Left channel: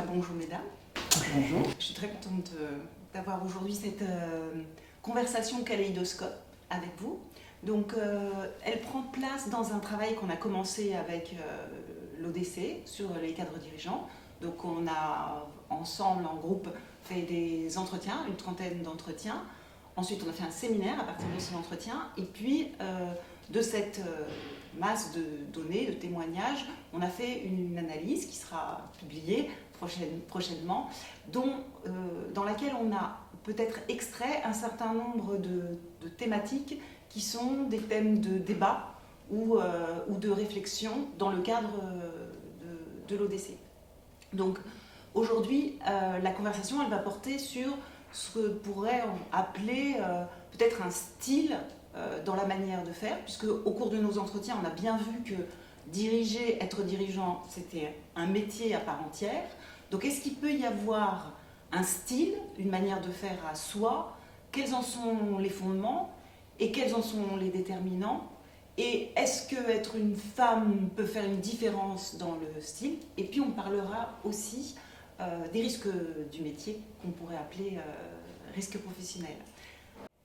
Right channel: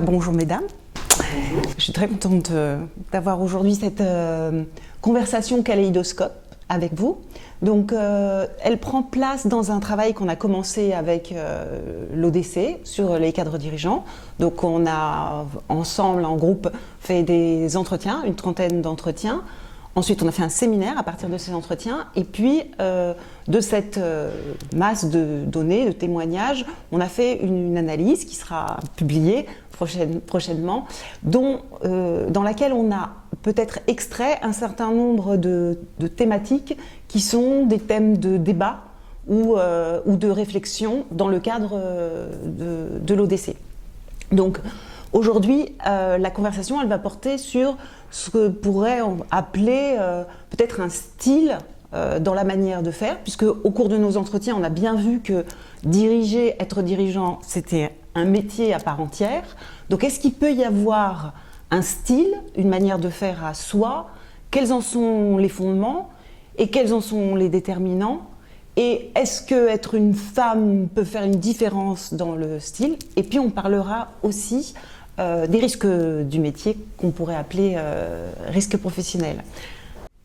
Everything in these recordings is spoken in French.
Bonjour mesdames. Bonjour. Je suis très contente d'avoir aujourd'hui cette conversation kaléidoscope avec vous. Donc, elle prend place dans un travail qu'on a commencé avec l'ODC sur les cadres dirigeants. Donc, on a ensemble, en groupe, fait des entretiens, une trentaine d'entretiens. Ensuite, on a fait un séminaire à partir de ces entretiens. Et puis, de cette masse de données, de témoignages, on a fait une analyse qui sera publiée prochainement, dans laquelle on a peut-être extrait un certain nombre de thématiques qui sont des thèmes de débat ou de réflexion dans le cadre de l'ODC. Donc aujourd'hui, la conversation, elle va porter sur ce que pourrait appeler peut-être un style dans la manière de faire, puisque au cours de nos entretiens, on a bien vu que diriger, être dirigeant, c'était un métier à part entière. Donc est-ce qu'il peut y avoir un style, une manière de faire à soi? Quels en sont les fondements et quels en sont les déterminants? Et est-ce qu'être une femme peut faire une différence dans le style? Et puis on parlera aussi des risques du métier qu'on pourrait appeler risques professionnels.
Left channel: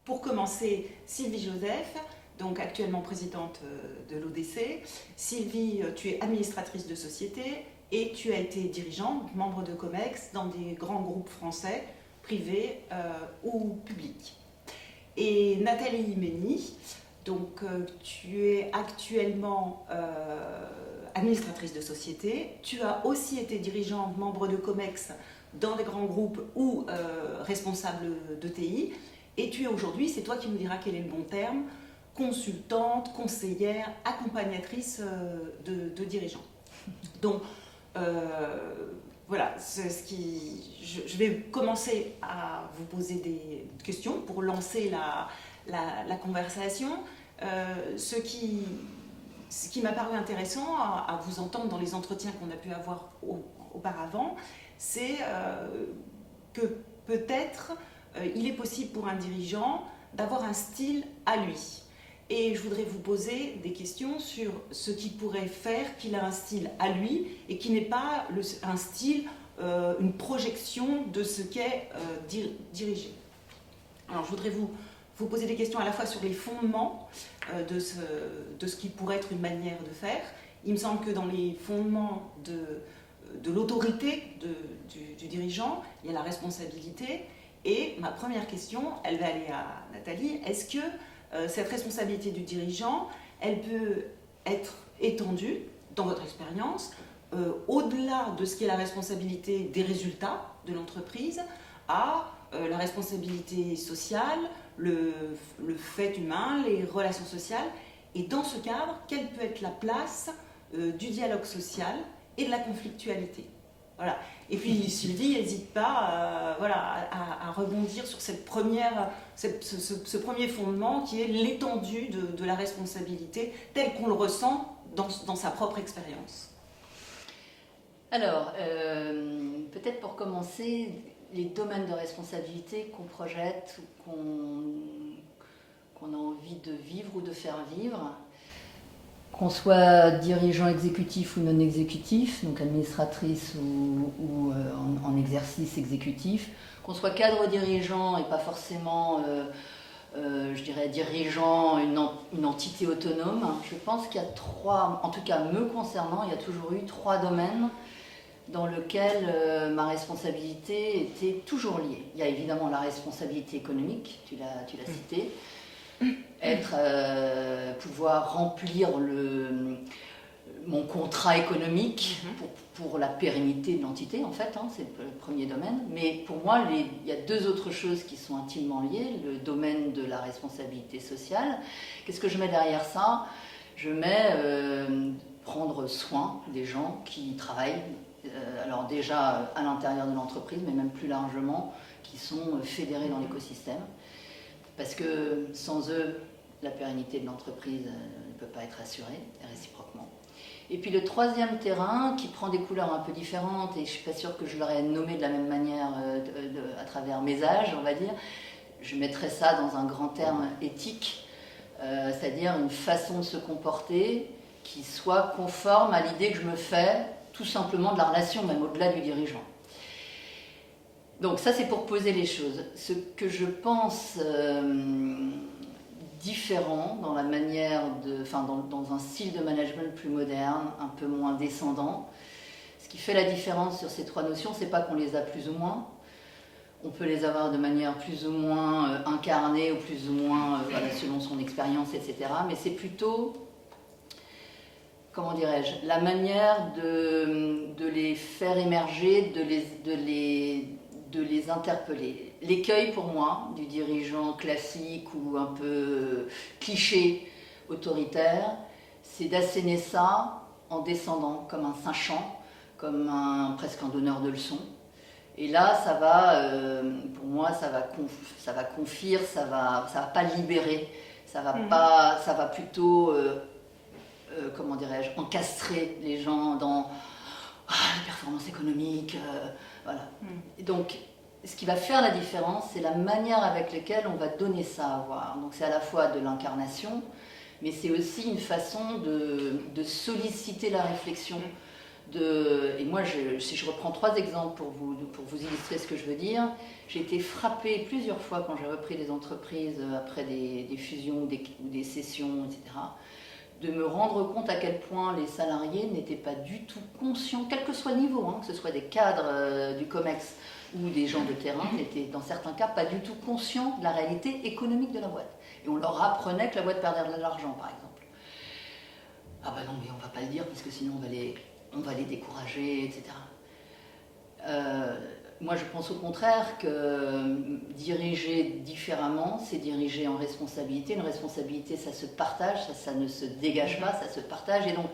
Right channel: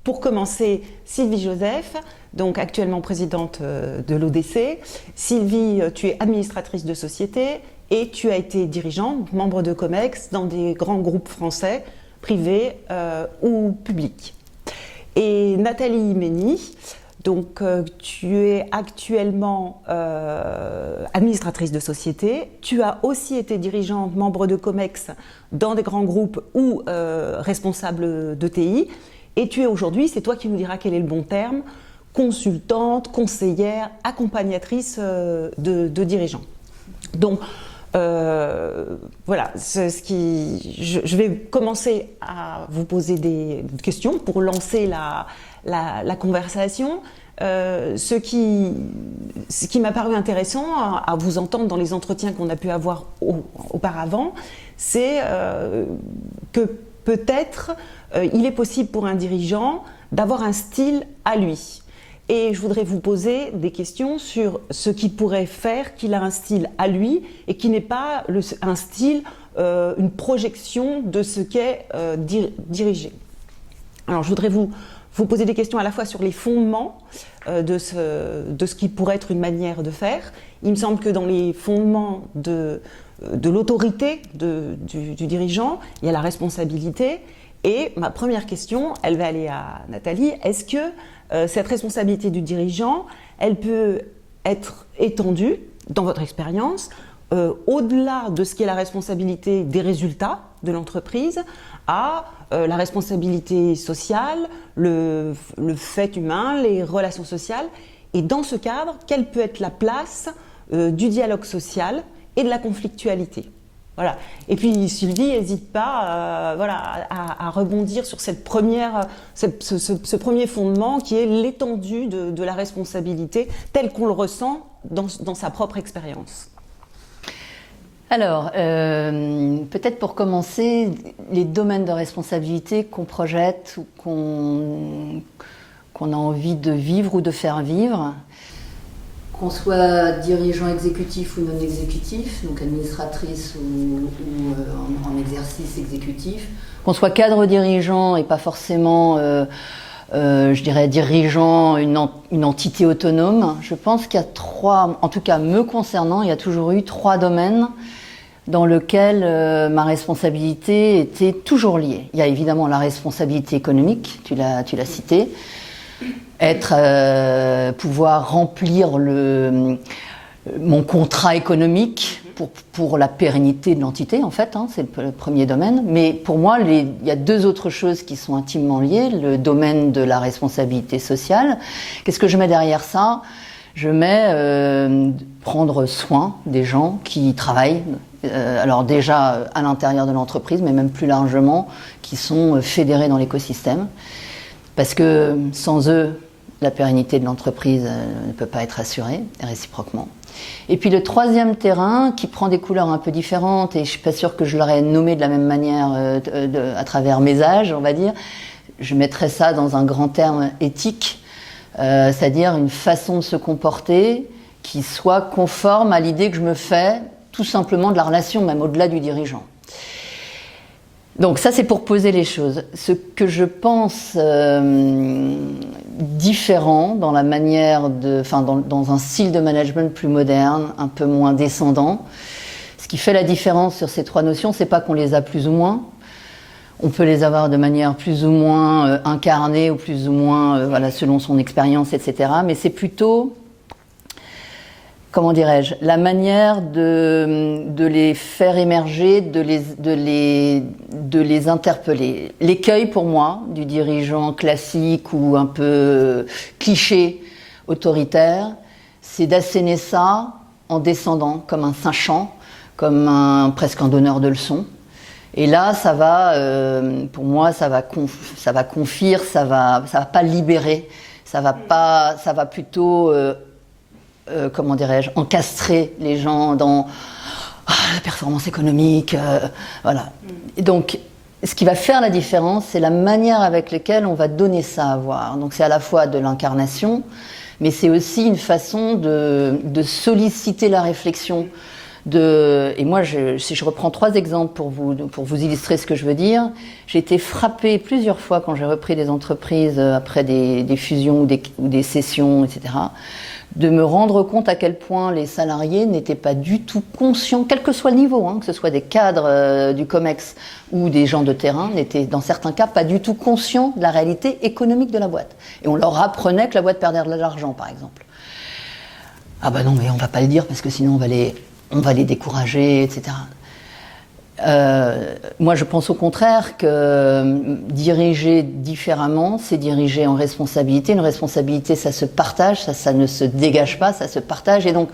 Pour commencer, Sylvie Joseph, donc actuellement présidente de l'ODC. Sylvie, tu es administratrice de société et tu as été dirigeante, membre de COMEX dans des grands groupes français, privés ou publics. Et Nathalie Mény, donc tu es actuellement administratrice de société. Tu as aussi été dirigeante, membre de COMEX dans des grands groupes ou responsable d'ETI. Et tu es aujourd'hui, c'est toi qui nous diras quel est le bon terme, consultante, conseillère, accompagnatrice de dirigeants. Donc voilà, je vais commencer à vous poser des questions pour lancer la conversation. Ce qui m'a paru intéressant à vous entendre dans les entretiens qu'on a pu avoir auparavant, c'est que peut-être il est possible pour un dirigeant d'avoir un style à lui. Et je voudrais vous poser des questions sur ce qui pourrait faire qu'il a un style à lui et qui n'est pas un style, une projection de ce qu'est diriger. Alors je voudrais vous poser des questions à la fois sur les fondements de ce qui pourrait être une manière de faire. Il me semble que dans les fondements de l'autorité du dirigeant, il y a la responsabilité. Et ma première question, elle va aller à Nathalie. Est-ce que cette responsabilité du dirigeant, elle peut être étendue, dans votre expérience, au-delà de ce qui est la responsabilité des résultats de l'entreprise, à la responsabilité sociale, le fait humain, les relations sociales? Et dans ce cadre, quelle peut être la place du dialogue social et de la conflictualité? Voilà. Et puis Sylvie, n'hésite pas à rebondir sur ce premier fondement qui est l'étendue de la responsabilité telle qu'on le ressent dans sa propre expérience. Alors, peut-être pour commencer, les domaines de responsabilité qu'on projette ou qu'on a envie de vivre ou de faire vivre. Qu'on soit dirigeant exécutif ou non exécutif, donc administratrice ou en exercice exécutif, qu'on soit cadre dirigeant et pas forcément, je dirais, dirigeant une entité autonome, je pense qu'il y a trois, en tout cas me concernant, il y a toujours eu trois domaines dans lesquels ma responsabilité était toujours liée. Il y a évidemment la responsabilité économique, tu l'as cité, pouvoir remplir mon contrat économique pour la pérennité de l'entité, en fait, hein, c'est le premier domaine. Mais pour moi, il y a deux autres choses qui sont intimement liées. Le domaine de la responsabilité sociale. Qu'est-ce que je mets derrière ça? Je mets prendre soin des gens qui travaillent, alors déjà à l'intérieur de l'entreprise, mais même plus largement, qui sont fédérés dans l'écosystème. Parce que sans eux, la pérennité de l'entreprise ne peut pas être assurée, et réciproquement. Et puis le troisième terrain, qui prend des couleurs un peu différentes, et je ne suis pas sûre que je l'aurais nommé de la même manière à travers mes âges, on va dire, je mettrais ça dans un grand terme éthique, c'est-à-dire une façon de se comporter qui soit conforme à l'idée que je me fais tout simplement de la relation, même au-delà du dirigeant. Donc ça, c'est pour poser les choses. Ce que je pense différent dans la manière dans un style de management plus moderne, un peu moins descendant, ce qui fait la différence sur ces trois notions, c'est pas qu'on les a plus ou moins. On peut les avoir de manière plus ou moins incarnée ou plus ou moins selon son expérience, etc. Mais c'est plutôt, comment dirais-je, la manière de les faire émerger, de les interpeller. L'écueil pour moi du dirigeant classique ou un peu cliché autoritaire, c'est d'asséner ça en descendant comme un sachant, comme presque un donneur de leçons. Et là, ça va, pour moi, ça va confire, ça va pas libérer, ça va plutôt, comment dirais-je, encastrer les gens dans la performance économique, voilà. Et donc, ce qui va faire la différence, c'est la manière avec laquelle on va donner ça à voir. Donc, c'est à la fois de l'incarnation, mais c'est aussi une façon de solliciter la réflexion. Et moi, si je reprends 3 exemples pour vous illustrer ce que je veux dire, j'ai été frappée plusieurs fois quand j'ai repris des entreprises après des fusions ou des cessions, etc., de me rendre compte à quel point les salariés n'étaient pas du tout conscients, quel que soit le niveau, que ce soit des cadres du COMEX ou des gens de terrain, n'étaient dans certains cas pas du tout conscients de la réalité économique de la boîte. Et on leur apprenait que la boîte perdait de l'argent, par exemple. Ah bah non, mais on va pas le dire parce que sinon on va les décourager, etc. Moi, je pense au contraire que diriger différemment, c'est diriger en responsabilité. Une responsabilité, ça se partage, ça ne se dégage pas, ça se partage. Et donc,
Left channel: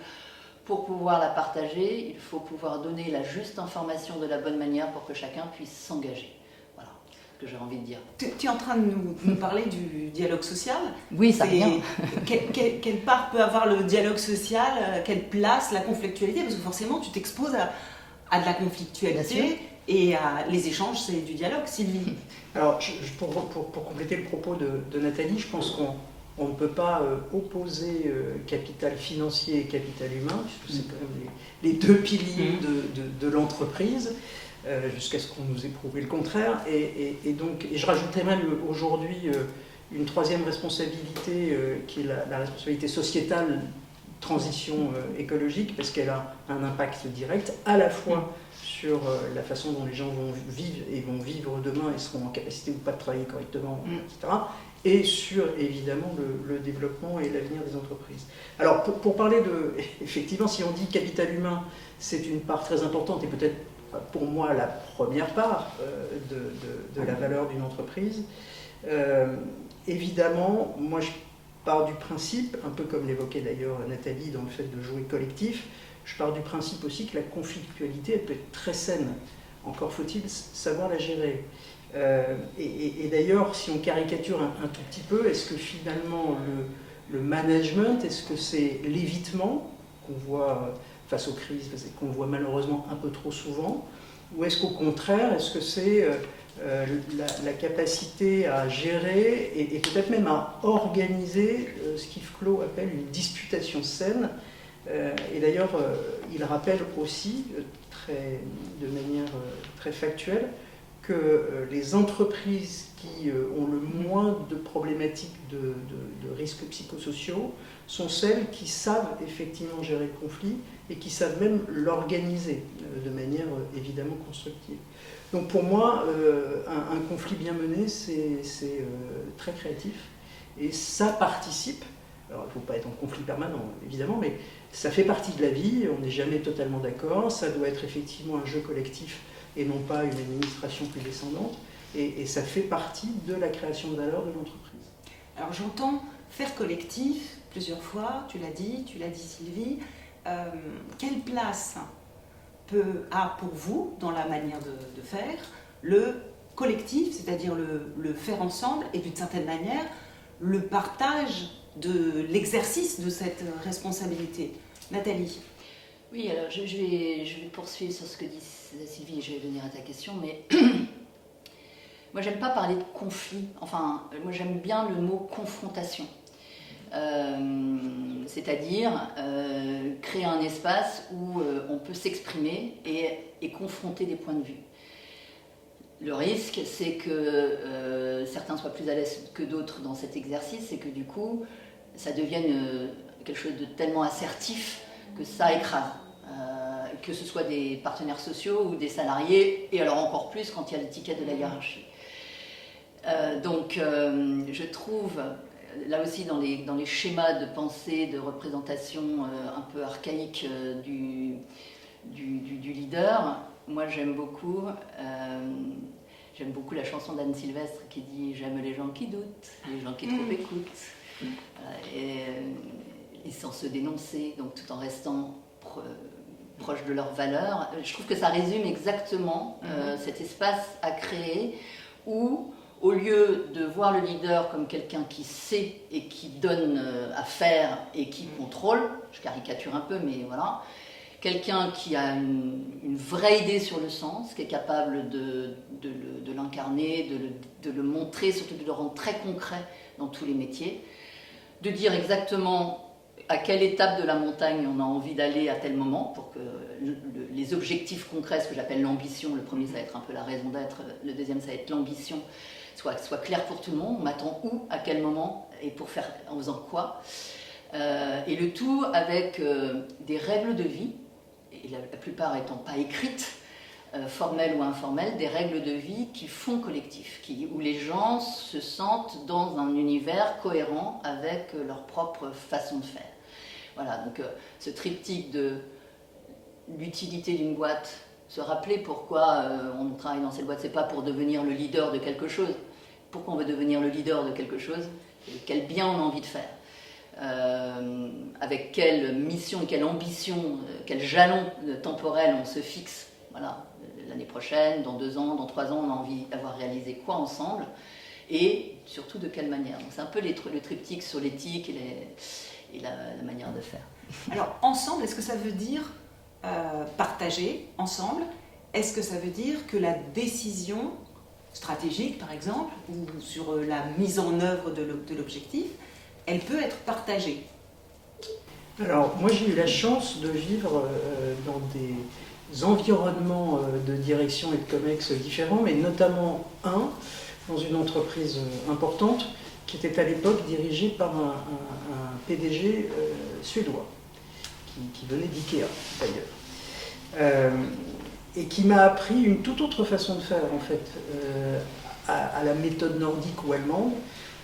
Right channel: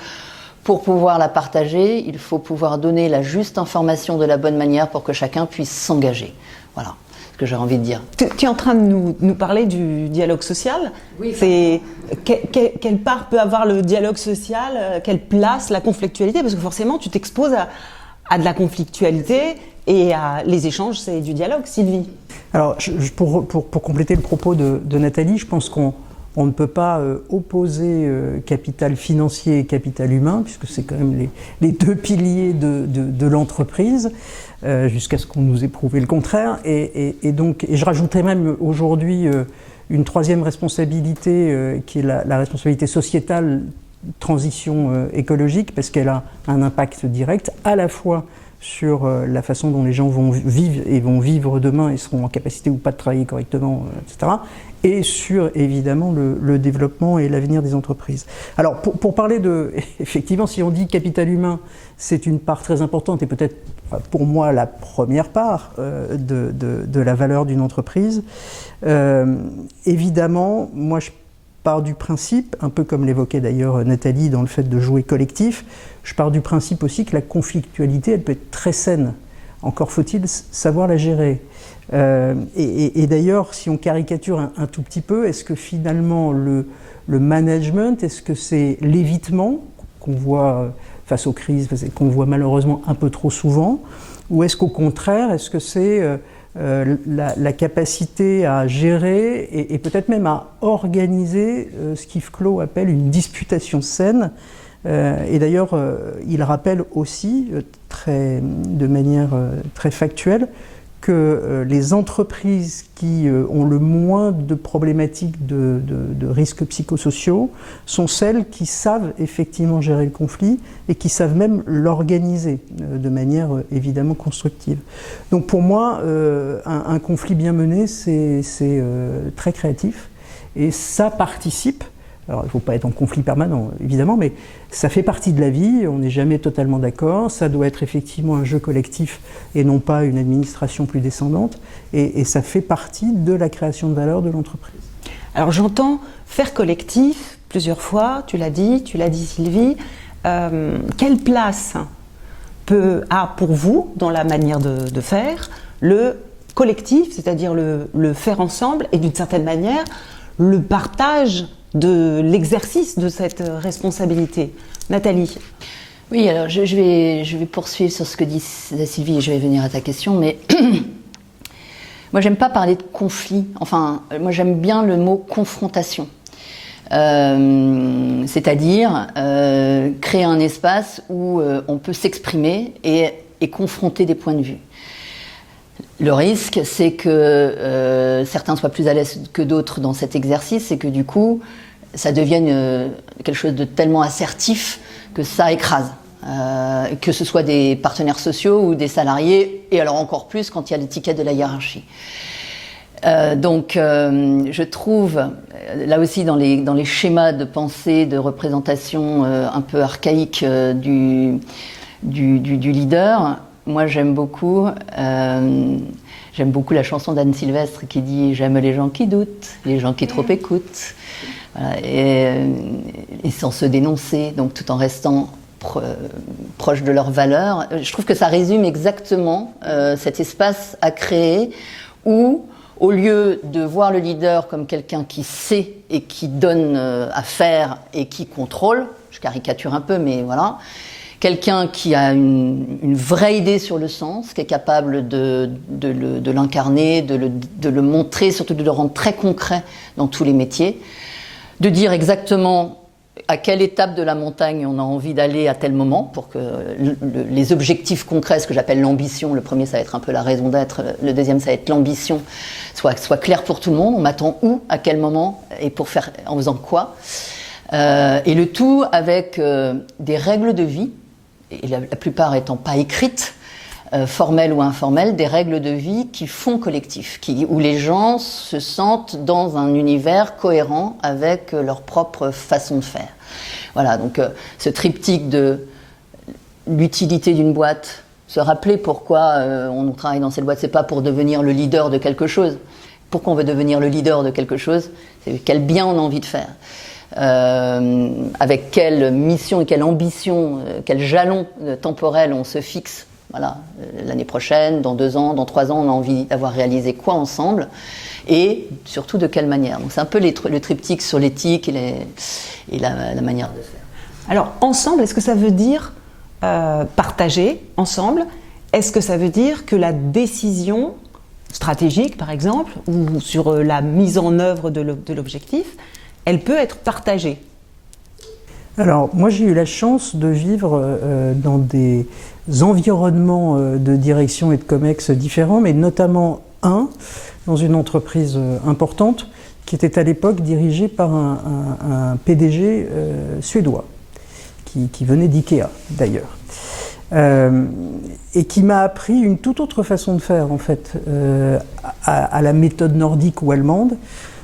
pour pouvoir la partager, il faut pouvoir donner la juste information de la bonne manière pour que chacun puisse s'engager. Voilà ce que j'ai envie de dire. Tu es en train de nous parler du dialogue social. Oui, c'est quelle part peut avoir le dialogue social, quelle place la conflictualité, parce que forcément tu t'exposes à de la conflictualité et les échanges, c'est du dialogue. Sylvie. Alors pour compléter le propos de Nathalie, je pense qu'on ne peut pas opposer capital financier et capital humain, puisque c'est quand même les 2 piliers de l'entreprise. Jusqu'à ce qu'on nous ait prouvé le contraire. Et je rajouterais même aujourd'hui une 3e responsabilité qui est la responsabilité sociétale, transition écologique, parce qu'elle a un impact direct à la fois sur la façon dont les gens vont vivre demain et seront en capacité ou pas de travailler correctement, etc. Et sur évidemment le développement et l'avenir des entreprises. Alors pour parler effectivement, si on dit capital humain, c'est une part très importante et peut-être pour moi la première part de la valeur d'une entreprise. Évidemment, moi je pars du principe, un peu comme l'évoquait d'ailleurs Nathalie dans le fait de jouer collectif, je pars du principe aussi que la conflictualité, elle peut être très saine. Encore faut-il savoir la gérer. Et d'ailleurs, si on caricature un tout petit peu, est-ce que finalement le management, est-ce que c'est l'évitement qu'on voit face aux crises, qu'on voit malheureusement un peu trop souvent, ou est-ce qu'au contraire, est-ce que c'est la capacité à gérer et peut-être même à organiser ce qu'Yves Clos appelle une disputation saine. Et d'ailleurs, il rappelle aussi, de manière très factuelle, que les entreprises qui ont le moins de problématiques de risques psychosociaux sont celles qui savent effectivement gérer le conflit et qui savent même l'organiser de manière évidemment constructive. Donc pour moi, un conflit bien mené, c'est très créatif et ça participe. Alors il ne faut pas être en conflit permanent évidemment, mais ça fait partie de la vie, on n'est jamais totalement d'accord, ça doit être effectivement un jeu collectif et non pas une administration plus descendante, et ça fait partie de la création de valeur de l'entreprise. Alors j'entends faire collectif, plusieurs fois, tu l'as dit Sylvie. Quelle place a pour vous, dans la manière de faire, le collectif, c'est-à-dire le faire ensemble et d'une certaine manière, le partage de l'exercice de cette responsabilité? Nathalie? Oui, alors je vais poursuivre sur ce que dit Sylvie et je vais venir à ta question, mais moi j'aime pas parler de conflit, enfin moi j'aime bien le mot confrontation, c'est-à-dire créer un espace où on peut s'exprimer et confronter des points de vue. Le risque, c'est que certains soient plus à l'aise que d'autres dans cet exercice et que du coup, ça devienne quelque chose de tellement assertif que ça écrase. Que ce soit des partenaires sociaux ou des salariés, et alors encore plus quand il y a l'étiquette de la hiérarchie. Donc, je trouve, là aussi dans les schémas de pensée, de représentation un peu archaïque du leader, moi j'aime beaucoup la chanson d'Anne Sylvestre qui dit « J'aime les gens qui doutent, les gens qui trop écoutent ». Voilà, et sans se dénoncer, donc tout en restant proche de leurs valeurs. Je trouve que ça résume exactement cet espace à créer où, au lieu de voir le leader comme quelqu'un qui sait et qui donne à faire et qui contrôle, je caricature un peu, mais voilà, quelqu'un qui a une vraie idée sur le sens, qui est capable de l'incarner, de le montrer, surtout de le rendre très concret dans tous les métiers, de dire exactement à quelle étape de la montagne on a envie d'aller à tel moment pour que les objectifs concrets, ce que j'appelle l'ambition, le premier ça va être un peu la raison d'être, le deuxième ça va être l'ambition, soit clair pour tout le monde, on m'attend où, à quel moment et en faisant quoi, et le tout avec des règles de vie, et la plupart étant pas écrites, formelles ou informelles, des règles de vie qui font collectif, où les gens se sentent dans un univers cohérent avec leur propre façon de faire. Voilà, donc ce triptyque de l'utilité d'une boîte, se rappeler pourquoi on travaille dans cette boîte, c'est pas pour devenir le leader de quelque chose. Pourquoi on veut devenir le leader de quelque chose? C'est quel bien on a envie de faire. Avec quelle mission et quelle ambition, quel jalon temporel on se fixe. Voilà, l'année prochaine, dans 2 ans, dans 3 ans, on a envie d'avoir réalisé quoi ensemble et surtout de quelle manière. Donc c'est un peu le triptyque sur l'éthique et la manière de faire. Alors ensemble, est-ce que ça veut dire partager ensemble? Est-ce que ça veut dire que la décision stratégique, par exemple, ou sur la mise en œuvre de l'objectif, elle peut être partagée? Alors, moi j'ai eu la chance de vivre dans des environnements de direction et de COMEX différents, mais notamment dans une entreprise importante qui était à l'époque dirigée par un PDG suédois, qui venait d'IKEA d'ailleurs, et qui m'a appris une toute autre façon de faire en fait, à la méthode nordique ou allemande,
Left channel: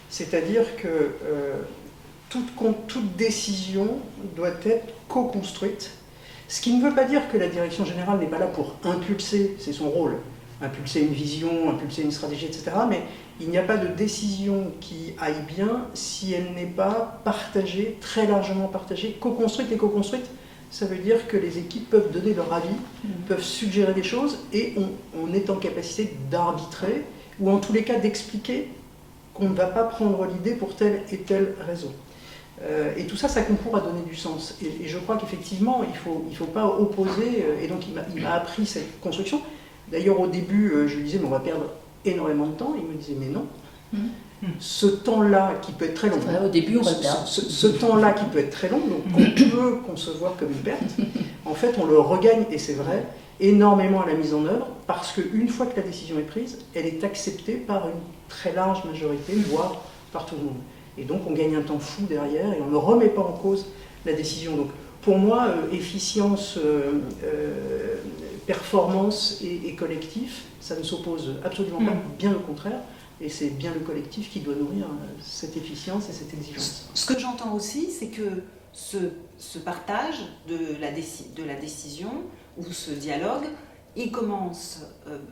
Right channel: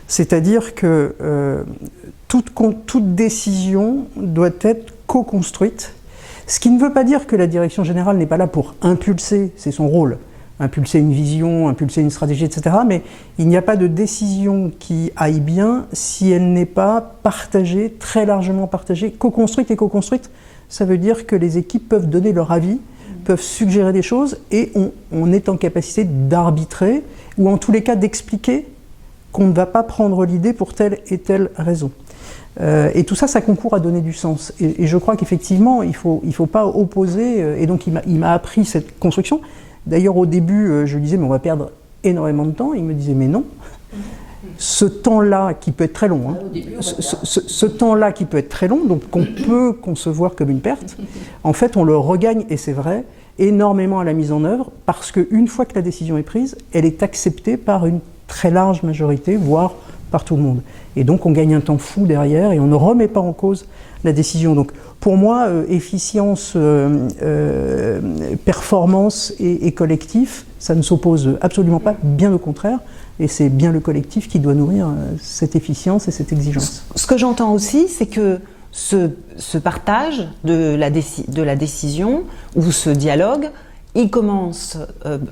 c'est-à-dire que toute décision doit être co-construite, ce qui ne veut pas dire que la direction générale n'est pas là pour impulser, c'est son rôle, impulser une vision, impulser une stratégie, etc. Mais il n'y a pas de décision qui aille bien si elle n'est pas partagée, très largement partagée, co-construite. Et co-construite, ça veut dire que les équipes peuvent donner leur avis, peuvent suggérer des choses et on est en capacité d'arbitrer ou en tous les cas d'expliquer qu'on ne va pas prendre l'idée pour telle et telle raison. Et tout ça, ça concourt à donner du sens. Et je crois qu'effectivement, il faut pas opposer. Et donc, il m'a appris cette construction. D'ailleurs, au début, je lui disais, mais on va perdre énormément de temps. Il me disait, mais non. Ce temps-là, qui peut être très long, au début, ce temps-là qui peut être très long, donc qu'on peut concevoir comme une perte, en fait, on le regagne, et c'est vrai, énormément à la mise en œuvre, parce qu'une fois que la décision est prise, elle est acceptée par une très large majorité, voire par tout le monde. Et donc on gagne un temps fou derrière et on ne remet pas en cause la décision. Donc pour moi, efficience, performance et collectif, ça ne s'oppose absolument pas, bien au contraire. Et c'est bien le collectif qui doit nourrir cette efficience et cette exigence. Ce que j'entends aussi, c'est que ce partage de la décision ou ce dialogue, il commence,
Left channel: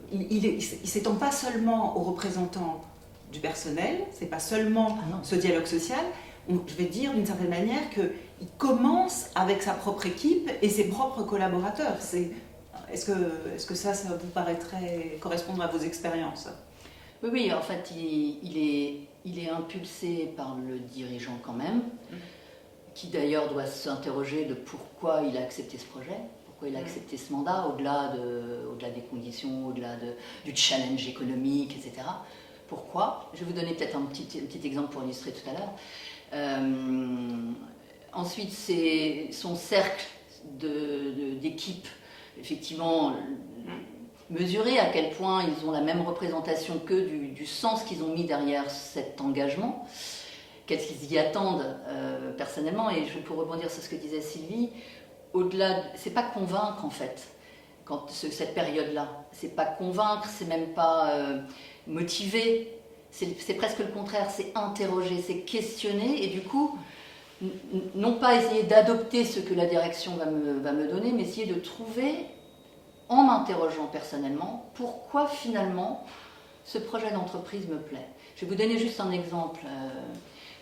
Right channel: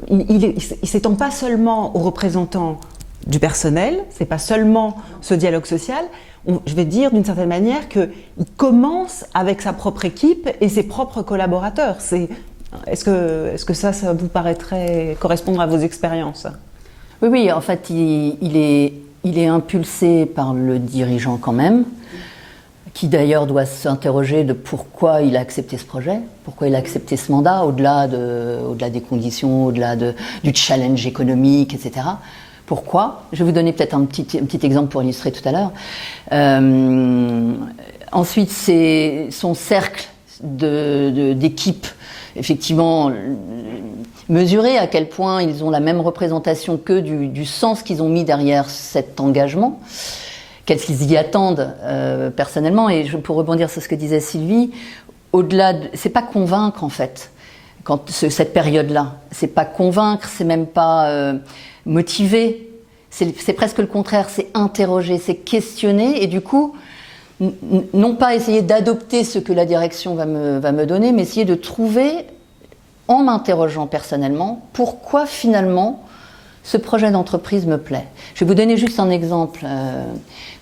il s'étend pas seulement aux représentants du personnel, c'est pas seulement ce dialogue social. je vais dire d'une certaine manière qu'il commence avec sa propre équipe et ses propres collaborateurs. Est-ce que ça vous paraîtrait correspondre à vos expériences? Oui, oui, en fait, il est impulsé par le dirigeant quand même, qui d'ailleurs doit s'interroger de pourquoi il a accepté ce projet, pourquoi il a accepté ce mandat, au-delà des conditions, au-delà du challenge économique, etc. Pourquoi? Je vais vous donner peut-être un petit exemple pour illustrer tout à l'heure. Ensuite, c'est son cercle d'équipe, effectivement, mesurer à quel point ils ont la même représentation que du sens qu'ils ont mis derrière cet engagement. Qu'est-ce qu'ils y attendent personnellement. Et pour rebondir sur ce que disait Sylvie, au-delà, c'est pas convaincre en fait, cette période-là. C'est pas convaincre, c'est même pas motiver. C'est presque le contraire, c'est interroger, c'est questionner et du coup, non pas essayer d'adopter ce que la direction va me donner, mais essayer de trouver, en m'interrogeant personnellement, pourquoi finalement ce projet d'entreprise me plaît. Je vais vous donner juste un exemple.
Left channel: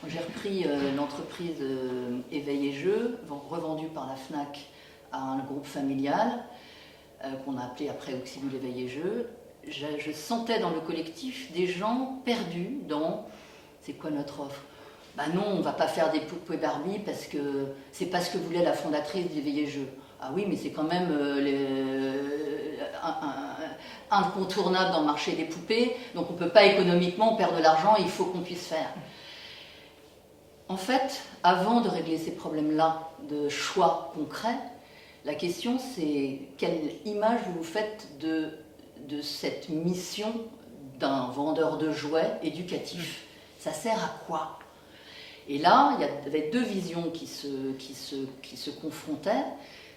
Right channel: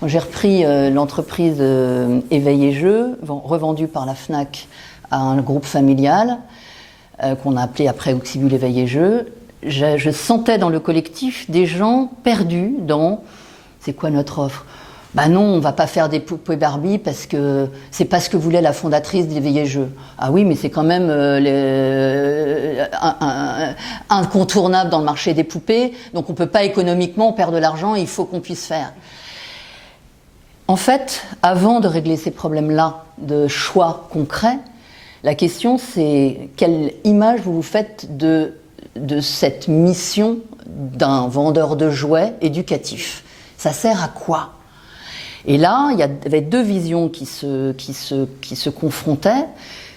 J'ai repris l'entreprise Éveil et Jeux, revendue par la Fnac à un groupe familial, qu'on a appelé après Auxibus Éveil et Jeux. Je sentais dans le collectif des gens perdus dans « c'est quoi notre offre ?» Ben non, on ne va pas faire des poupées Barbie parce que c'est pas ce que voulait la fondatrice d'Éveil et Jeux. Ah oui, mais c'est quand même incontournable dans le marché des poupées, donc on ne peut pas économiquement perdre de l'argent, il faut qu'on puisse faire. En fait, avant de régler ces problèmes-là de choix concrets, la question c'est quelle image vous vous faites de cette mission d'un vendeur de jouets éducatif. Ça sert à quoi ? Et là, il y avait deux visions qui se confrontaient.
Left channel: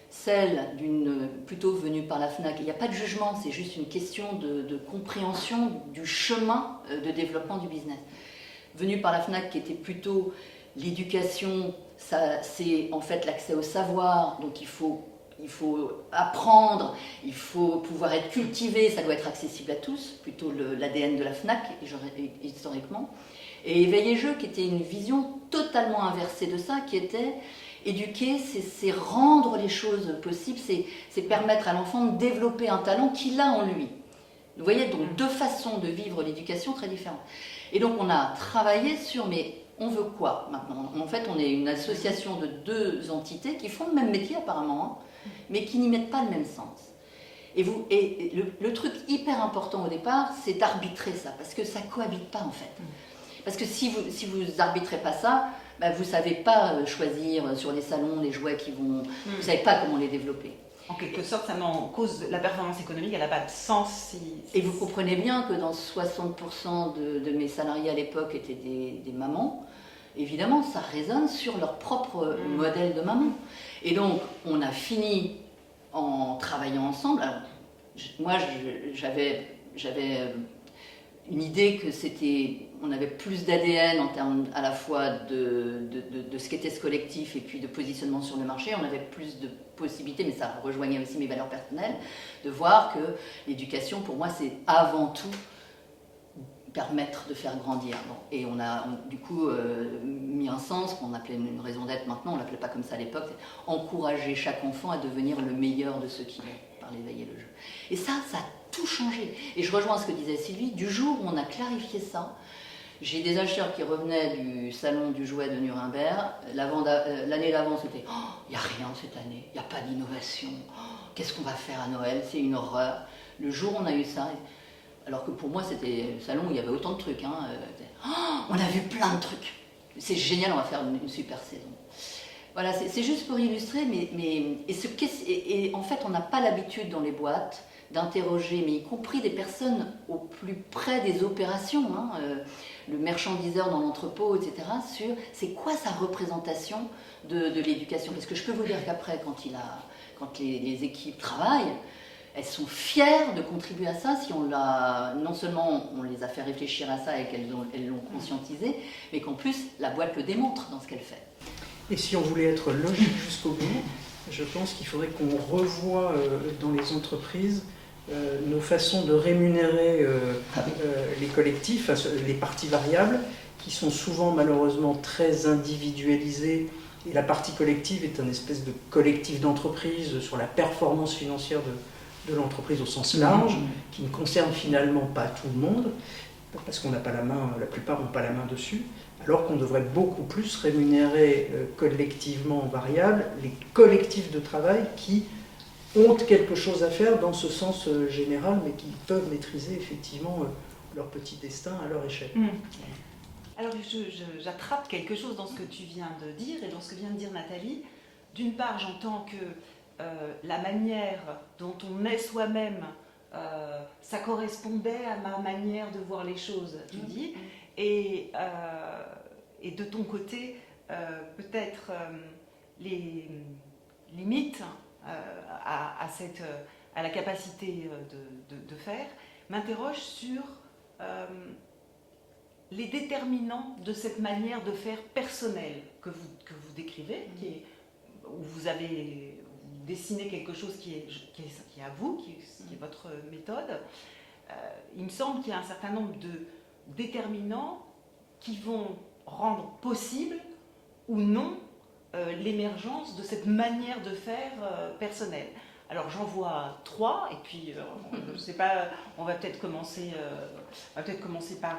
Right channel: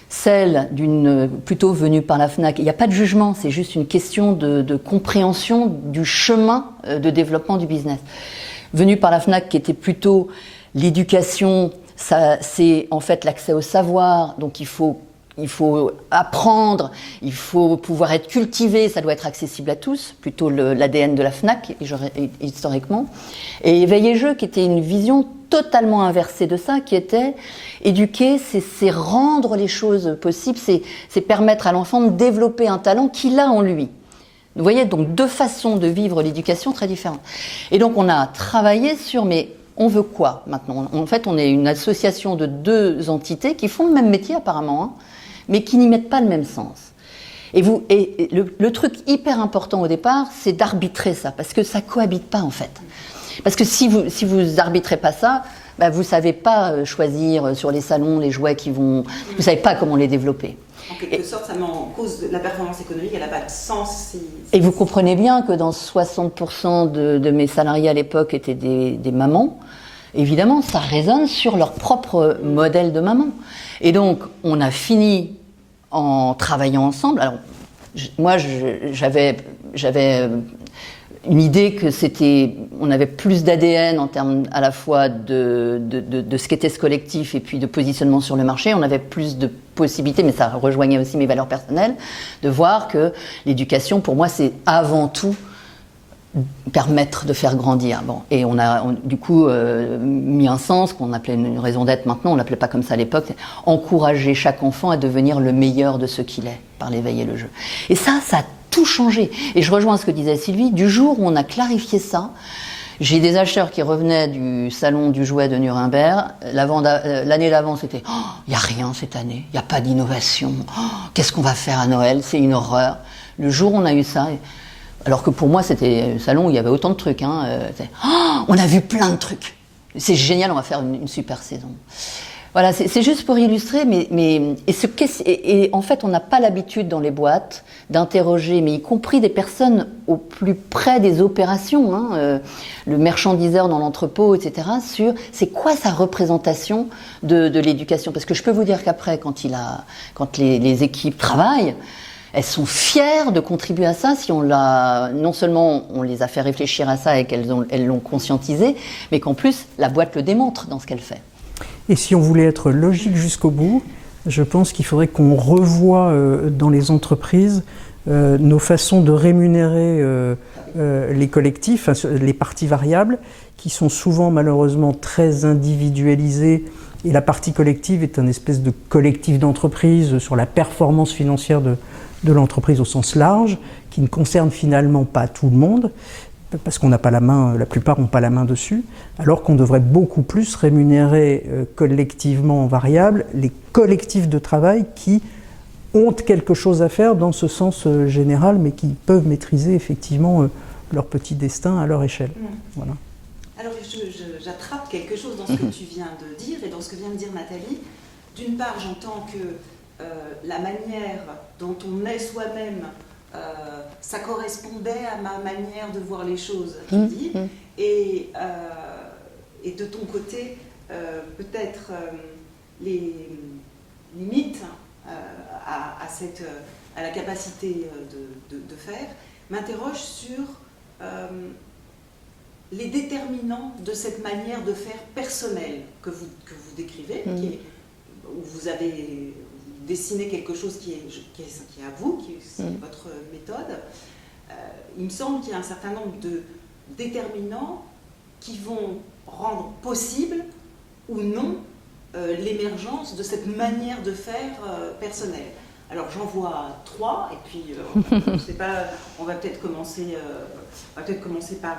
Celle d'une plutôt venue par la Fnac. Il n'y a pas de jugement, c'est juste une question de compréhension du chemin de développement du business. Venue par la Fnac qui était plutôt l'éducation, c'est en fait l'accès au savoir, donc il faut apprendre, il faut pouvoir être cultivé, ça doit être accessible à tous, plutôt l'ADN de la Fnac, historiquement. Et Éveil et Jeux, qui était une vision totalement inversée de ça, qui était éduquer, c'est rendre les choses possibles, c'est permettre à l'enfant de développer un talent qu'il a en lui. Vous voyez, donc deux façons de vivre l'éducation très différentes. Et donc on a travaillé sur, mais on veut quoi maintenant? En fait, on est une association de deux entités qui font le même métier apparemment, hein, mais qui n'y mettent pas le même sens. Et le truc hyper important au départ, c'est d'arbitrer ça, parce que ça cohabite pas en fait. Parce que si vous arbitrez pas ça, bah, vous savez pas choisir sur les salons les jouets qui vont... Vous savez pas comment les développer. En quelque sorte, ça met en cause la performance économique, elle n'a pas de sens si... Et vous comprenez bien que dans 60% de mes salariés à l'époque étaient des mamans. Évidemment, ça résonne sur leur propre modèle de maman. Et donc, on a fini en travaillant ensemble. Alors, moi, j'avais une idée que on avait plus d'ADN en termes à la fois de ce qu'était ce collectif et puis de positionnement sur le marché. On avait plus de possibilités, mais ça rejoignait aussi mes valeurs personnelles, de voir que l'éducation, pour moi, c'est avant tout permettre de faire grandir. Bon. Et on a du coup mis un sens qu'on appelait une raison d'être maintenant, on ne l'appelait pas comme ça à l'époque, encourager chaque enfant à devenir le meilleur de ce qu'il est par l'éveil et le jeu. Et ça a tout changé. Et je rejoins ce que disait Sylvie, du jour où on a clarifié ça, j'ai des acheteurs qui revenaient du salon du jouet de Nuremberg. L'année d'avant, c'était « il n'y a rien cette année, il n'y a pas d'innovation, qu'est-ce qu'on va faire à Noël, c'est une horreur ». Le jour où on a eu ça... Alors que pour moi, c'était un salon où il y avait autant de trucs. Hein. On a vu plein de trucs. C'est génial, on va faire une super saison. Voilà, c'est juste pour illustrer. Et en fait, on n'a pas l'habitude dans les boîtes d'interroger, mais y compris des personnes au plus près des opérations, hein, le merchandiseur dans l'entrepôt, etc., sur c'est quoi sa représentation de l'éducation. Parce que je peux vous dire qu'après, quand les équipes travaillent, elles sont fières de contribuer à ça si non seulement on les a fait réfléchir à ça et qu'elles l'ont conscientisé, mais qu'en plus la boîte le démontre dans ce qu'elle fait. Et si on voulait être logique jusqu'au bout, je pense qu'il faudrait qu'on revoie dans les entreprises nos façons de rémunérer les collectifs, les parties variables, qui sont souvent malheureusement très individualisées, et la partie collective est un espèce de collectif d'entreprise sur la performance financière de l'entreprise au sens large, qui ne concerne finalement pas tout le monde, parce qu'on n'a pas la main, la plupart n'ont pas la main dessus, alors qu'on devrait beaucoup plus rémunérer collectivement en variable les collectifs de travail qui ont quelque chose à faire dans ce sens général, mais qui peuvent maîtriser effectivement leur petit destin à leur échelle. Voilà. Alors j'attrape quelque chose dans ce que tu viens de dire et dans ce que vient de dire Nathalie. D'une part, j'entends que la manière dont on est soi-même, ça correspondait à ma manière de voir les choses, tu dis, et de ton côté, peut-être les limites à la capacité de faire, m'interroge sur les déterminants de cette manière de faire personnelle que vous décrivez, où vous avez dessiné quelque chose qui est à vous, qui est votre méthode. Il me semble qu'il y a un certain nombre de déterminants qui vont rendre possible ou non l'émergence de cette manière de faire personnelle. Alors j'en vois 3, et puis je ne sais pas, on va peut-être commencer par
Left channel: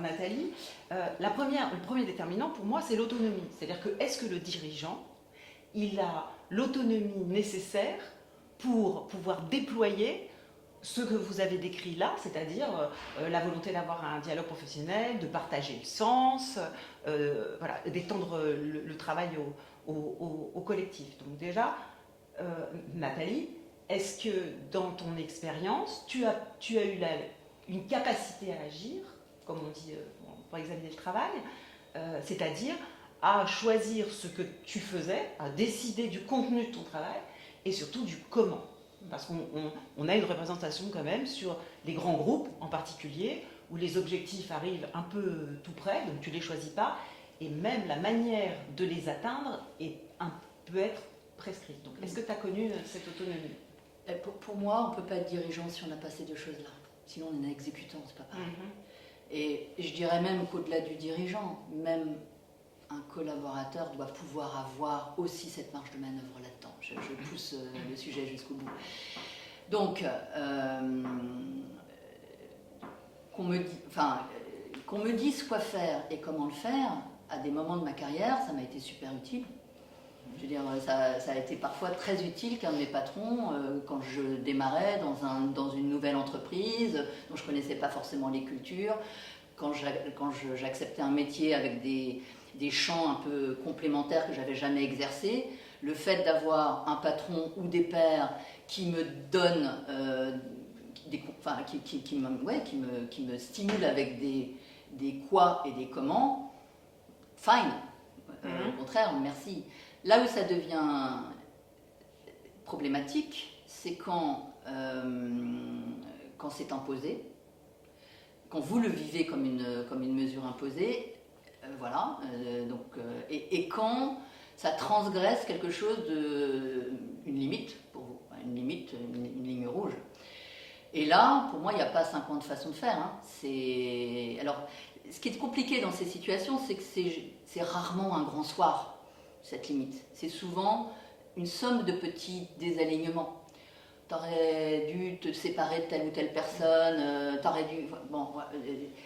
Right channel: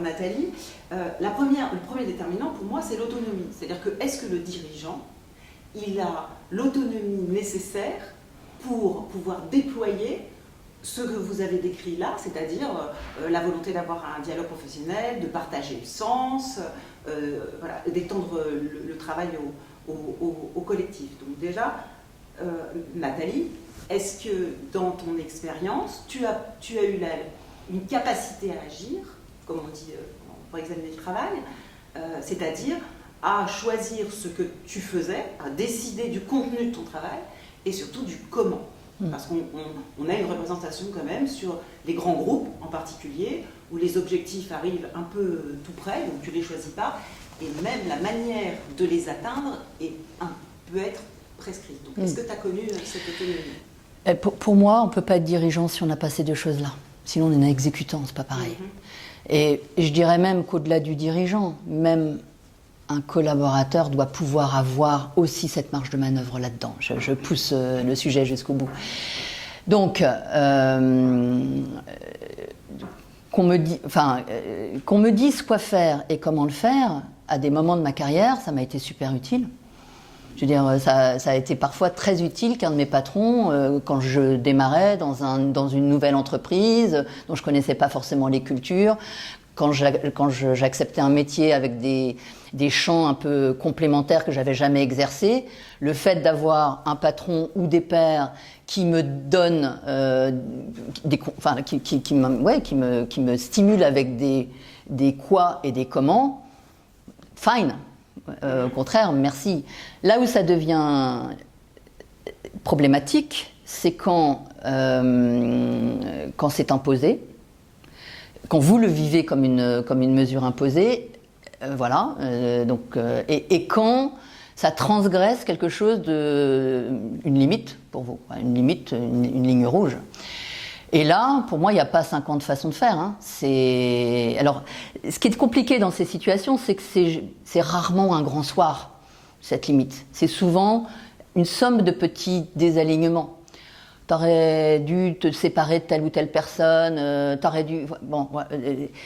Nathalie. Le premier déterminant pour moi, c'est l'autonomie. C'est-à-dire que est-ce que le dirigeant, il a l'autonomie nécessaire pour pouvoir déployer ce que vous avez décrit là, c'est-à-dire la volonté d'avoir un dialogue professionnel, de partager le sens, voilà, d'étendre le travail au collectif. Donc déjà, Nathalie, est-ce que dans ton expérience, tu as eu une capacité à agir, comme on dit pour examiner le travail, c'est-à-dire à choisir ce que tu faisais, à décider du contenu de ton travail et surtout du comment. Parce qu'on a une représentation quand même sur les grands groupes en particulier, où les objectifs arrivent un peu tout près, donc tu ne les choisis pas, et même la manière de les atteindre peut être prescrite. Donc est-ce que tu as connu cette autonomie ? Pour moi, on ne peut pas être dirigeant si on n'a pas ces deux choses-là. Sinon, on est exécutant, c'est pas pareil. Et je dirais même qu'au-delà du dirigeant, même un collaborateur doit pouvoir avoir aussi cette marge de manœuvre là-dedans. Je pousse le sujet jusqu'au bout. Donc, qu'on me dise quoi faire et comment le faire, à des moments de ma carrière, ça m'a été super utile. Je veux dire, ça a été parfois très utile qu'un de mes patrons, quand je démarrais dans une nouvelle entreprise, dont je ne connaissais pas forcément les cultures, quand j'acceptais un métier avec des champs un peu complémentaires que je n'avais jamais exercés, le fait d'avoir un patron ou des pairs qui me donnent, qui me stimulent avec des quoi et des comment, fine. Au contraire, merci. Là où ça devient problématique, c'est quand c'est imposé, quand vous le vivez comme une mesure imposée, voilà. Et quand ça transgresse quelque chose une limite pour vous, une limite, une ligne rouge. Et là, pour moi, il n'y a pas 50 façons de faire. Hein. Alors, ce qui est compliqué dans ces situations, c'est que c'est rarement un grand soir, cette limite. C'est souvent une somme de petits désalignements. T'aurais dû te séparer de telle ou telle personne, t'aurais dû... Bon,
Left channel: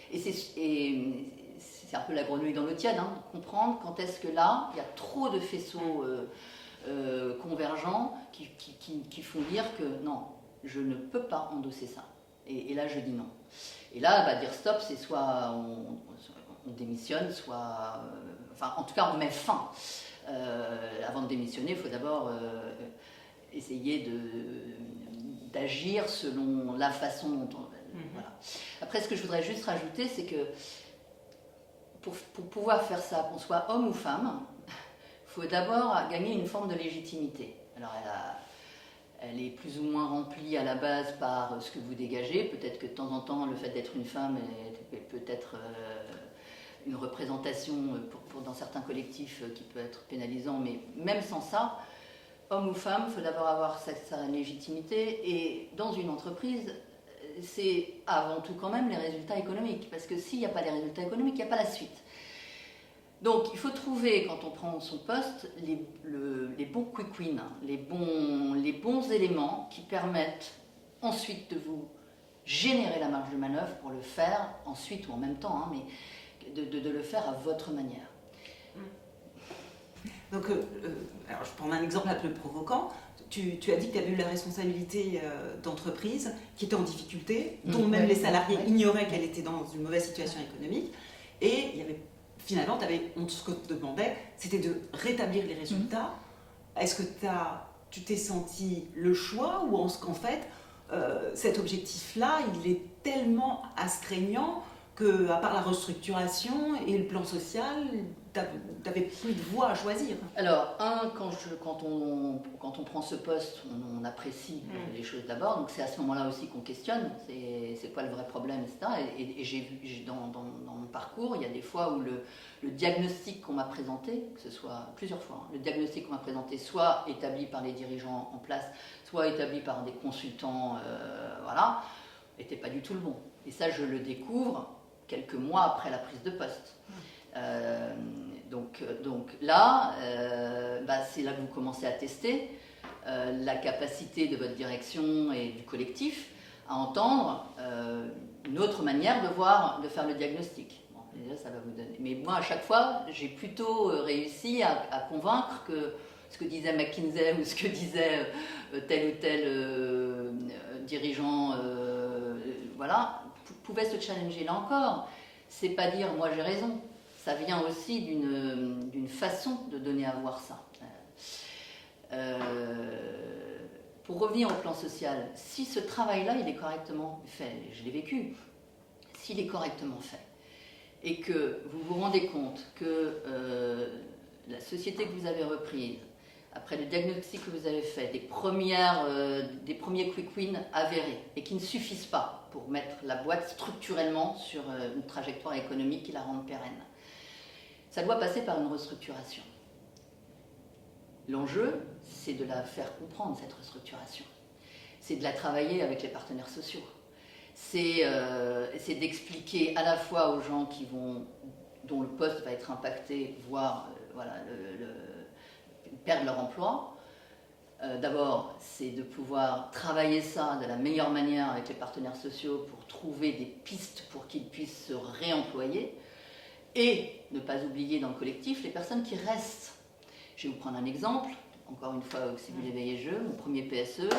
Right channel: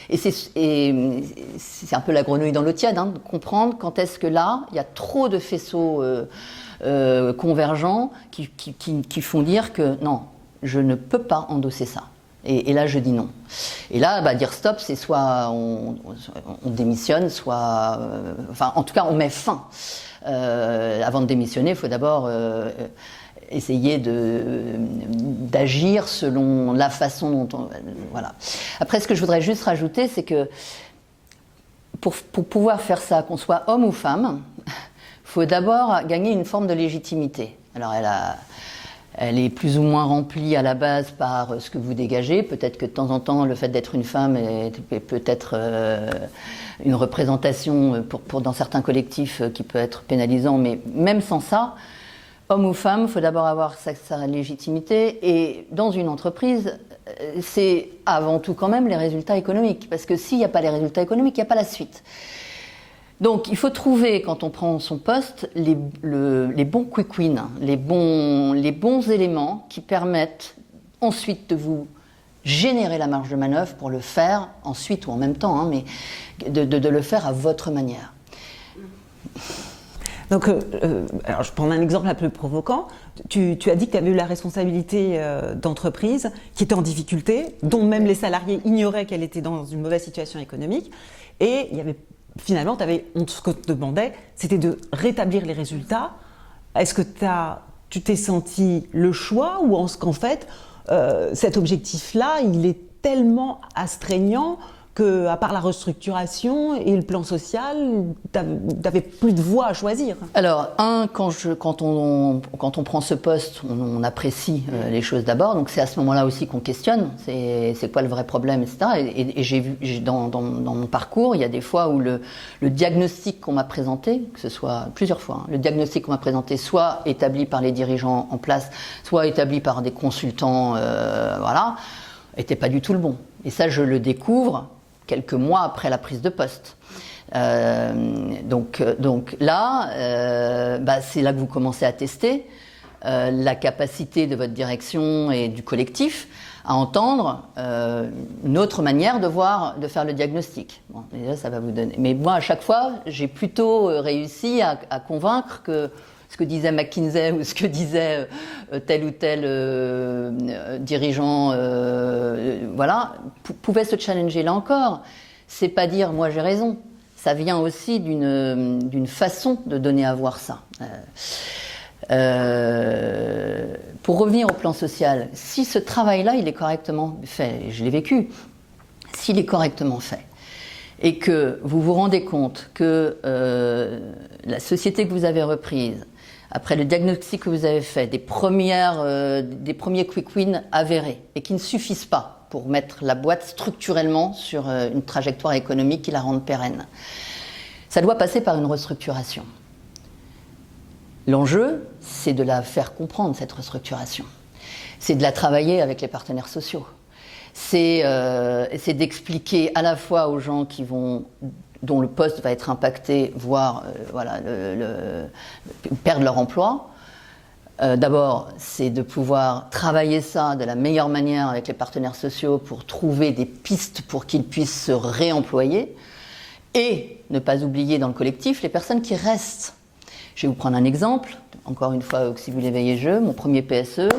et c'est un peu la grenouille dans l'eau tiède, hein, de comprendre quand est-ce que là, il y a trop de faisceaux convergents qui font dire que non, je ne peux pas endosser ça. Et là, je dis non. Et là, dire stop, c'est soit on démissionne, soit... enfin, en tout cas, on met fin. Avant de démissionner, il faut d'abord essayer d'agir selon la façon dont on... Voilà. Après, ce que je voudrais juste rajouter, c'est que pour pouvoir faire ça, qu'on soit homme ou femme, il faut d'abord gagner une forme de légitimité. Alors, elle est plus ou moins remplie à la base par ce que vous dégagez. Peut-être que de temps en temps, le fait d'être une femme est peut-être une représentation dans certains collectifs qui peut être pénalisant. Mais même sans ça, homme ou femme, il faut d'abord avoir sa légitimité. Et dans une entreprise, c'est avant tout quand même les résultats économiques. Parce que s'il n'y a pas les résultats économiques, il n'y a pas la suite. Donc il faut trouver, quand on prend son poste, les bons quick wins, les bons éléments qui permettent ensuite de vous générer la marge de manœuvre pour le faire ensuite ou en même temps, hein, mais de le faire à votre manière. Donc, alors je prends un exemple un peu provocant. Tu as dit que tu avais eu la responsabilité d'entreprise qui était en difficulté, dont même les salariés ignoraient qu'elle était dans une mauvaise situation économique. Et il y avait, finalement, ce que te demandait, c'était de rétablir les résultats. Est-ce que tu t'es senti le choix ou qu'en fait, cet objectif-là, il est tellement astreignant qu'à part la restructuration et le plan social, tu n'avais plus de voie à choisir? Alors, quand on prend ce poste, on apprécie les choses d'abord, donc c'est à ce moment-là aussi qu'on questionne, c'est quoi le vrai problème, etc. Et j'ai vu, dans mon parcours, il y a des fois où le diagnostic qu'on m'a présenté, que ce soit plusieurs fois, hein, le diagnostic qu'on m'a présenté, soit établi par les dirigeants en place, soit établi par des consultants, voilà, n'était pas du tout le bon. Et ça, je le découvre quelques mois après la prise de poste. Donc là, c'est là que vous commencez à tester la capacité de votre direction et du collectif à entendre une autre manière de faire le diagnostic. Bon, déjà, ça va vous donner. Mais moi, à chaque fois, j'ai plutôt réussi à convaincre que ce que disait McKinsey ou ce que disait tel ou tel dirigeant, voilà, pouvait se challenger. Là encore, c'est pas dire moi j'ai raison. Ça vient aussi d'une façon de donner à voir ça. Pour revenir au plan social, si ce travail-là il est correctement fait, et je l'ai vécu, s'il est correctement fait, et que vous vous rendez compte que la société que vous avez reprise, après le diagnostic que vous avez fait, des premiers quick wins avérés et qui ne suffisent pas pour mettre la boîte structurellement sur une trajectoire économique qui la rende pérenne. Ça doit passer par une restructuration. L'enjeu, c'est de la faire comprendre, cette restructuration. C'est de la travailler avec les partenaires sociaux. C'est d'expliquer à la fois aux gens dont le poste va être impacté, voire perdre leur emploi. D'abord, c'est de pouvoir travailler ça de la meilleure manière avec les partenaires sociaux pour trouver des pistes pour qu'ils puissent se réemployer et ne pas oublier dans le collectif les personnes qui restent. Je vais vous prendre un exemple, encore une fois, si vous l'éveillez jeu, mon premier PSE,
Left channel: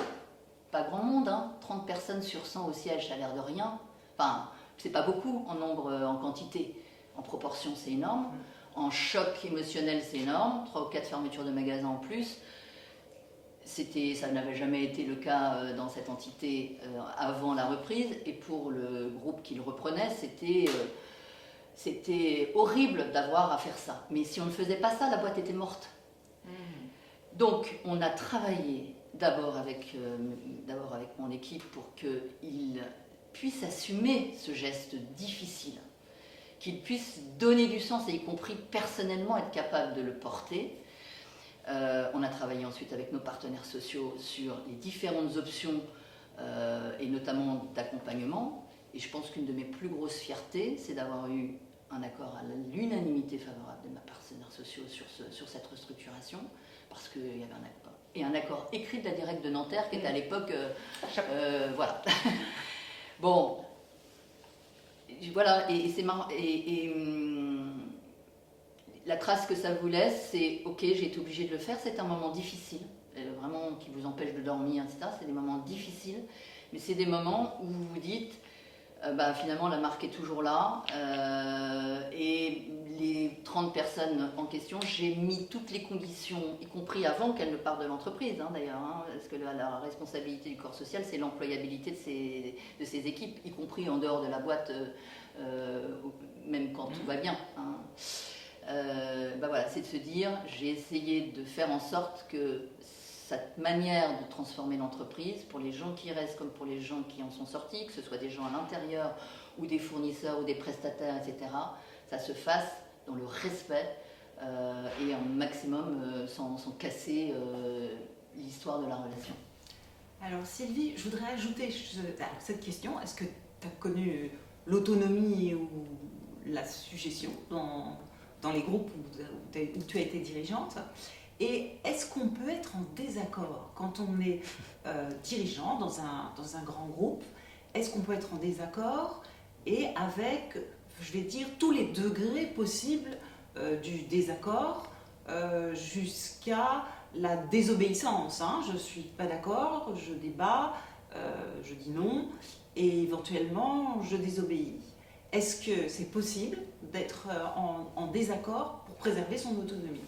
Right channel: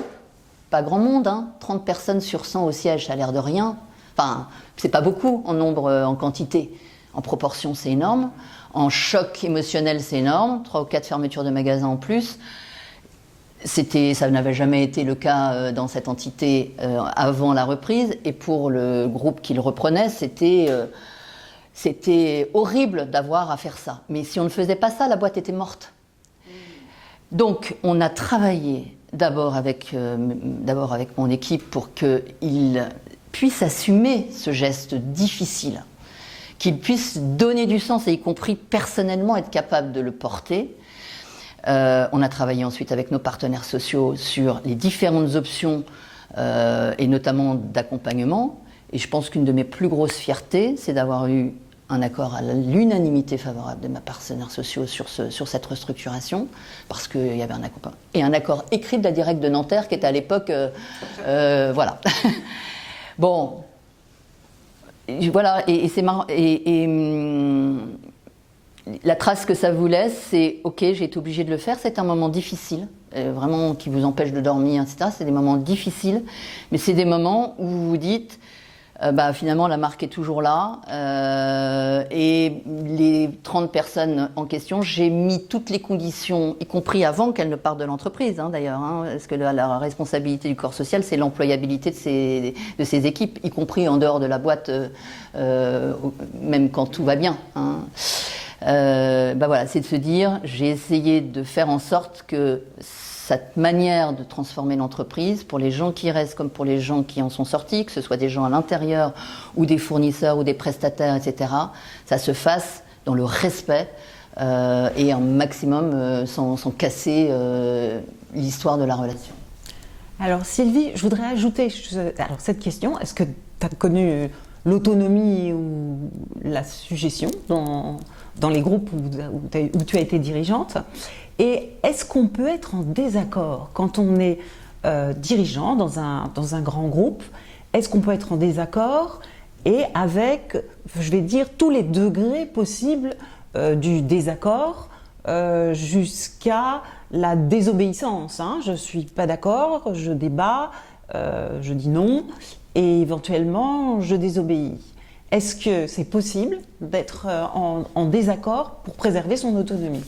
pas grand monde, hein, 30 personnes sur 100 au siège, ça a l'air de rien. Enfin, c'est pas beaucoup en nombre, en quantité. En proportion, c'est énorme. En choc émotionnel, c'est énorme. 3 ou 4 fermetures de magasins en plus. Ça n'avait jamais été le cas dans cette entité avant la reprise. Et pour le groupe qui le reprenait, c'était horrible d'avoir à faire ça. Mais si on ne faisait pas ça, la boîte était morte. Donc, on a travaillé d'abord avec mon équipe pour qu'ils puissent assumer ce geste difficile, qu'ils puissent donner du sens et y compris personnellement être capables de le porter. On a travaillé ensuite avec nos partenaires sociaux sur les différentes options et notamment d'accompagnement. Et je pense qu'une de mes plus grosses fiertés, c'est d'avoir eu un accord à l'unanimité favorable de mes partenaires sociaux sur cette restructuration, parce qu'il y avait un accompagnement. Et un accord écrit de la directe de Nanterre qui était à l'époque... voilà. Bon... Voilà, et c'est marrant. La trace que ça vous laisse, c'est ok, j'ai été obligée de le faire. C'est un moment difficile, vraiment qui vous empêche de dormir, etc. C'est des moments difficiles, mais c'est des moments où vous vous dites, finalement la marque est toujours là, et les 30 personnes en question, j'ai mis toutes les conditions, y compris avant qu'elles ne partent de l'entreprise, hein, d'ailleurs, hein, parce que la responsabilité du corps social, c'est l'employabilité de ces équipes, y compris en dehors de la boîte, même quand tout va bien. Hein. Voilà, c'est de se dire, j'ai essayé de faire en sorte que cette manière de transformer l'entreprise, pour les gens qui restent comme pour les gens qui en sont sortis, que ce soit des gens à l'intérieur ou des fournisseurs ou des prestataires, etc., ça se fasse dans le respect et un maximum sans casser l'histoire de la relation. Alors Sylvie, je voudrais ajouter alors, cette question. Est-ce que tu as connu l'autonomie ou la suggestion dans les groupes où tu as été dirigeante? Et est-ce qu'on peut être en désaccord quand on est dirigeant dans un grand groupe? Est-ce qu'on peut être en désaccord et avec, je vais dire, tous les degrés possibles du désaccord jusqu'à la désobéissance, hein? Je ne suis pas d'accord, je débat, je dis non et éventuellement je désobéis. Est-ce que c'est possible d'être en désaccord pour préserver son autonomie?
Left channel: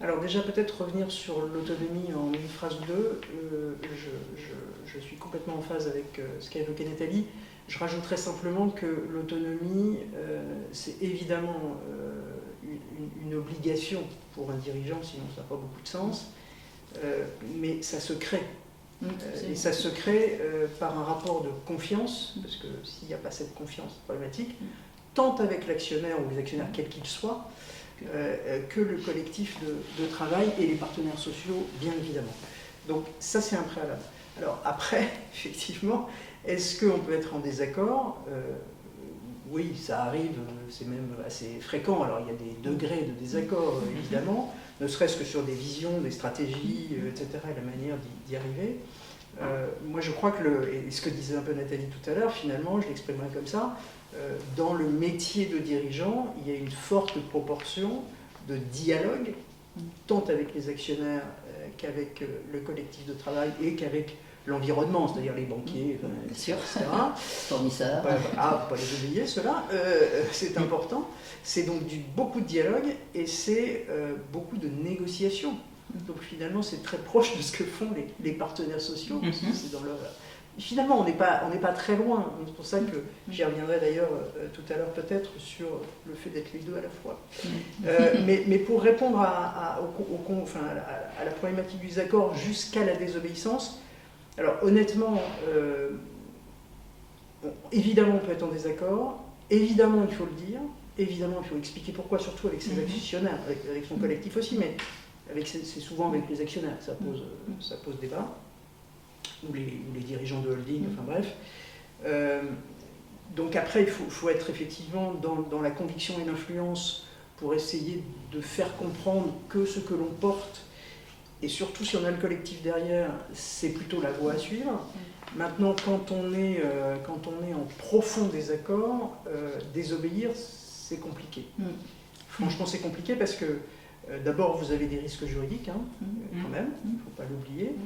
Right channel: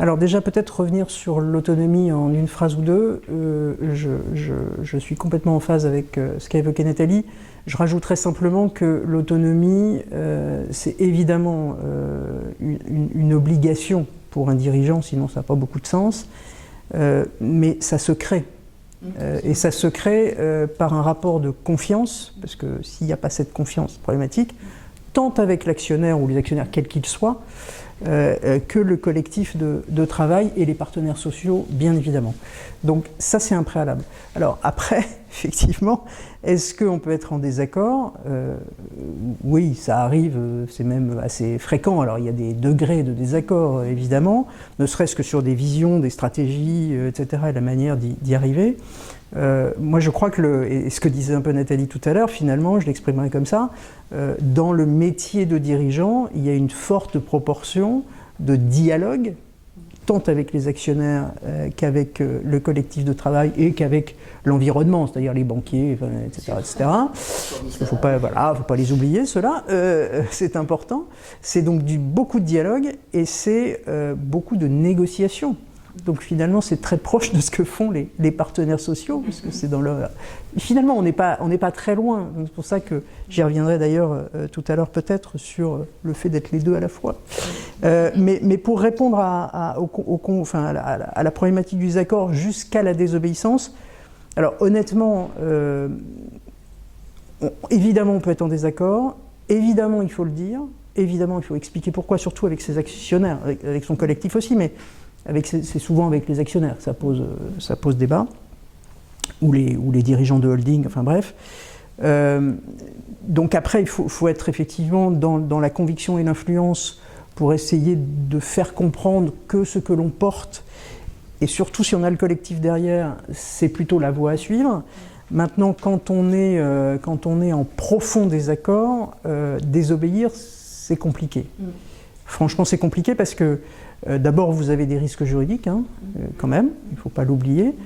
Alors déjà peut-être revenir sur l'autonomie en une phrase ou deux. Je suis complètement en phase avec ce qu'a évoqué Nathalie. Je rajouterais simplement que l'autonomie, c'est évidemment une obligation pour un dirigeant, sinon ça n'a pas beaucoup de sens, mais ça se crée. Et ça se crée par un rapport de confiance, parce que s'il n'y a pas cette confiance problématique, tant avec l'actionnaire ou les actionnaires quels qu'ils soient, que le collectif de travail et les partenaires sociaux, bien évidemment. Donc ça, c'est un préalable. Alors après, effectivement, est-ce qu'on peut être en désaccord? Oui, ça arrive, c'est même assez fréquent. Alors il y a des degrés de désaccord, évidemment, ne serait-ce que sur des visions, des stratégies, etc., et la manière d'y arriver. Moi, je crois que, et ce que disait un peu Nathalie tout à l'heure, finalement, je l'exprimerai comme ça, dans le métier de dirigeant, il y a une forte proportion de dialogue, tant avec les actionnaires qu'avec le collectif de travail et qu'avec l'environnement, c'est-à-dire les banquiers, etc. etc. Il ne faut pas les oublier, ceux-là, c'est important. C'est donc beaucoup de dialogue et c'est beaucoup de négociations. Donc finalement, c'est très proche de ce que font les partenaires sociaux, parce que c'est dans leur... Finalement, on n'est pas très loin. C'est pour ça que j'y reviendrai d'ailleurs tout à l'heure peut-être sur le fait d'être les deux à la fois. Mais pour répondre à la problématique du désaccord jusqu'à la désobéissance, alors honnêtement, évidemment on peut être en désaccord, évidemment il faut le dire, évidemment il faut expliquer pourquoi, surtout avec ses actionnaires, avec son collectif aussi, mais c'est souvent avec les actionnaires que ça pose débat, ou les dirigeants de holding, enfin bref. Donc après, il faut être effectivement dans la conviction et l'influence pour essayer de faire comprendre que ce que l'on porte, et surtout si on a le collectif derrière, c'est plutôt la voie à suivre. Maintenant, quand on est en profond désaccord, désobéir, c'est compliqué. Franchement, c'est compliqué parce que d'abord, vous avez des risques juridiques, quand même, il ne faut pas l'oublier.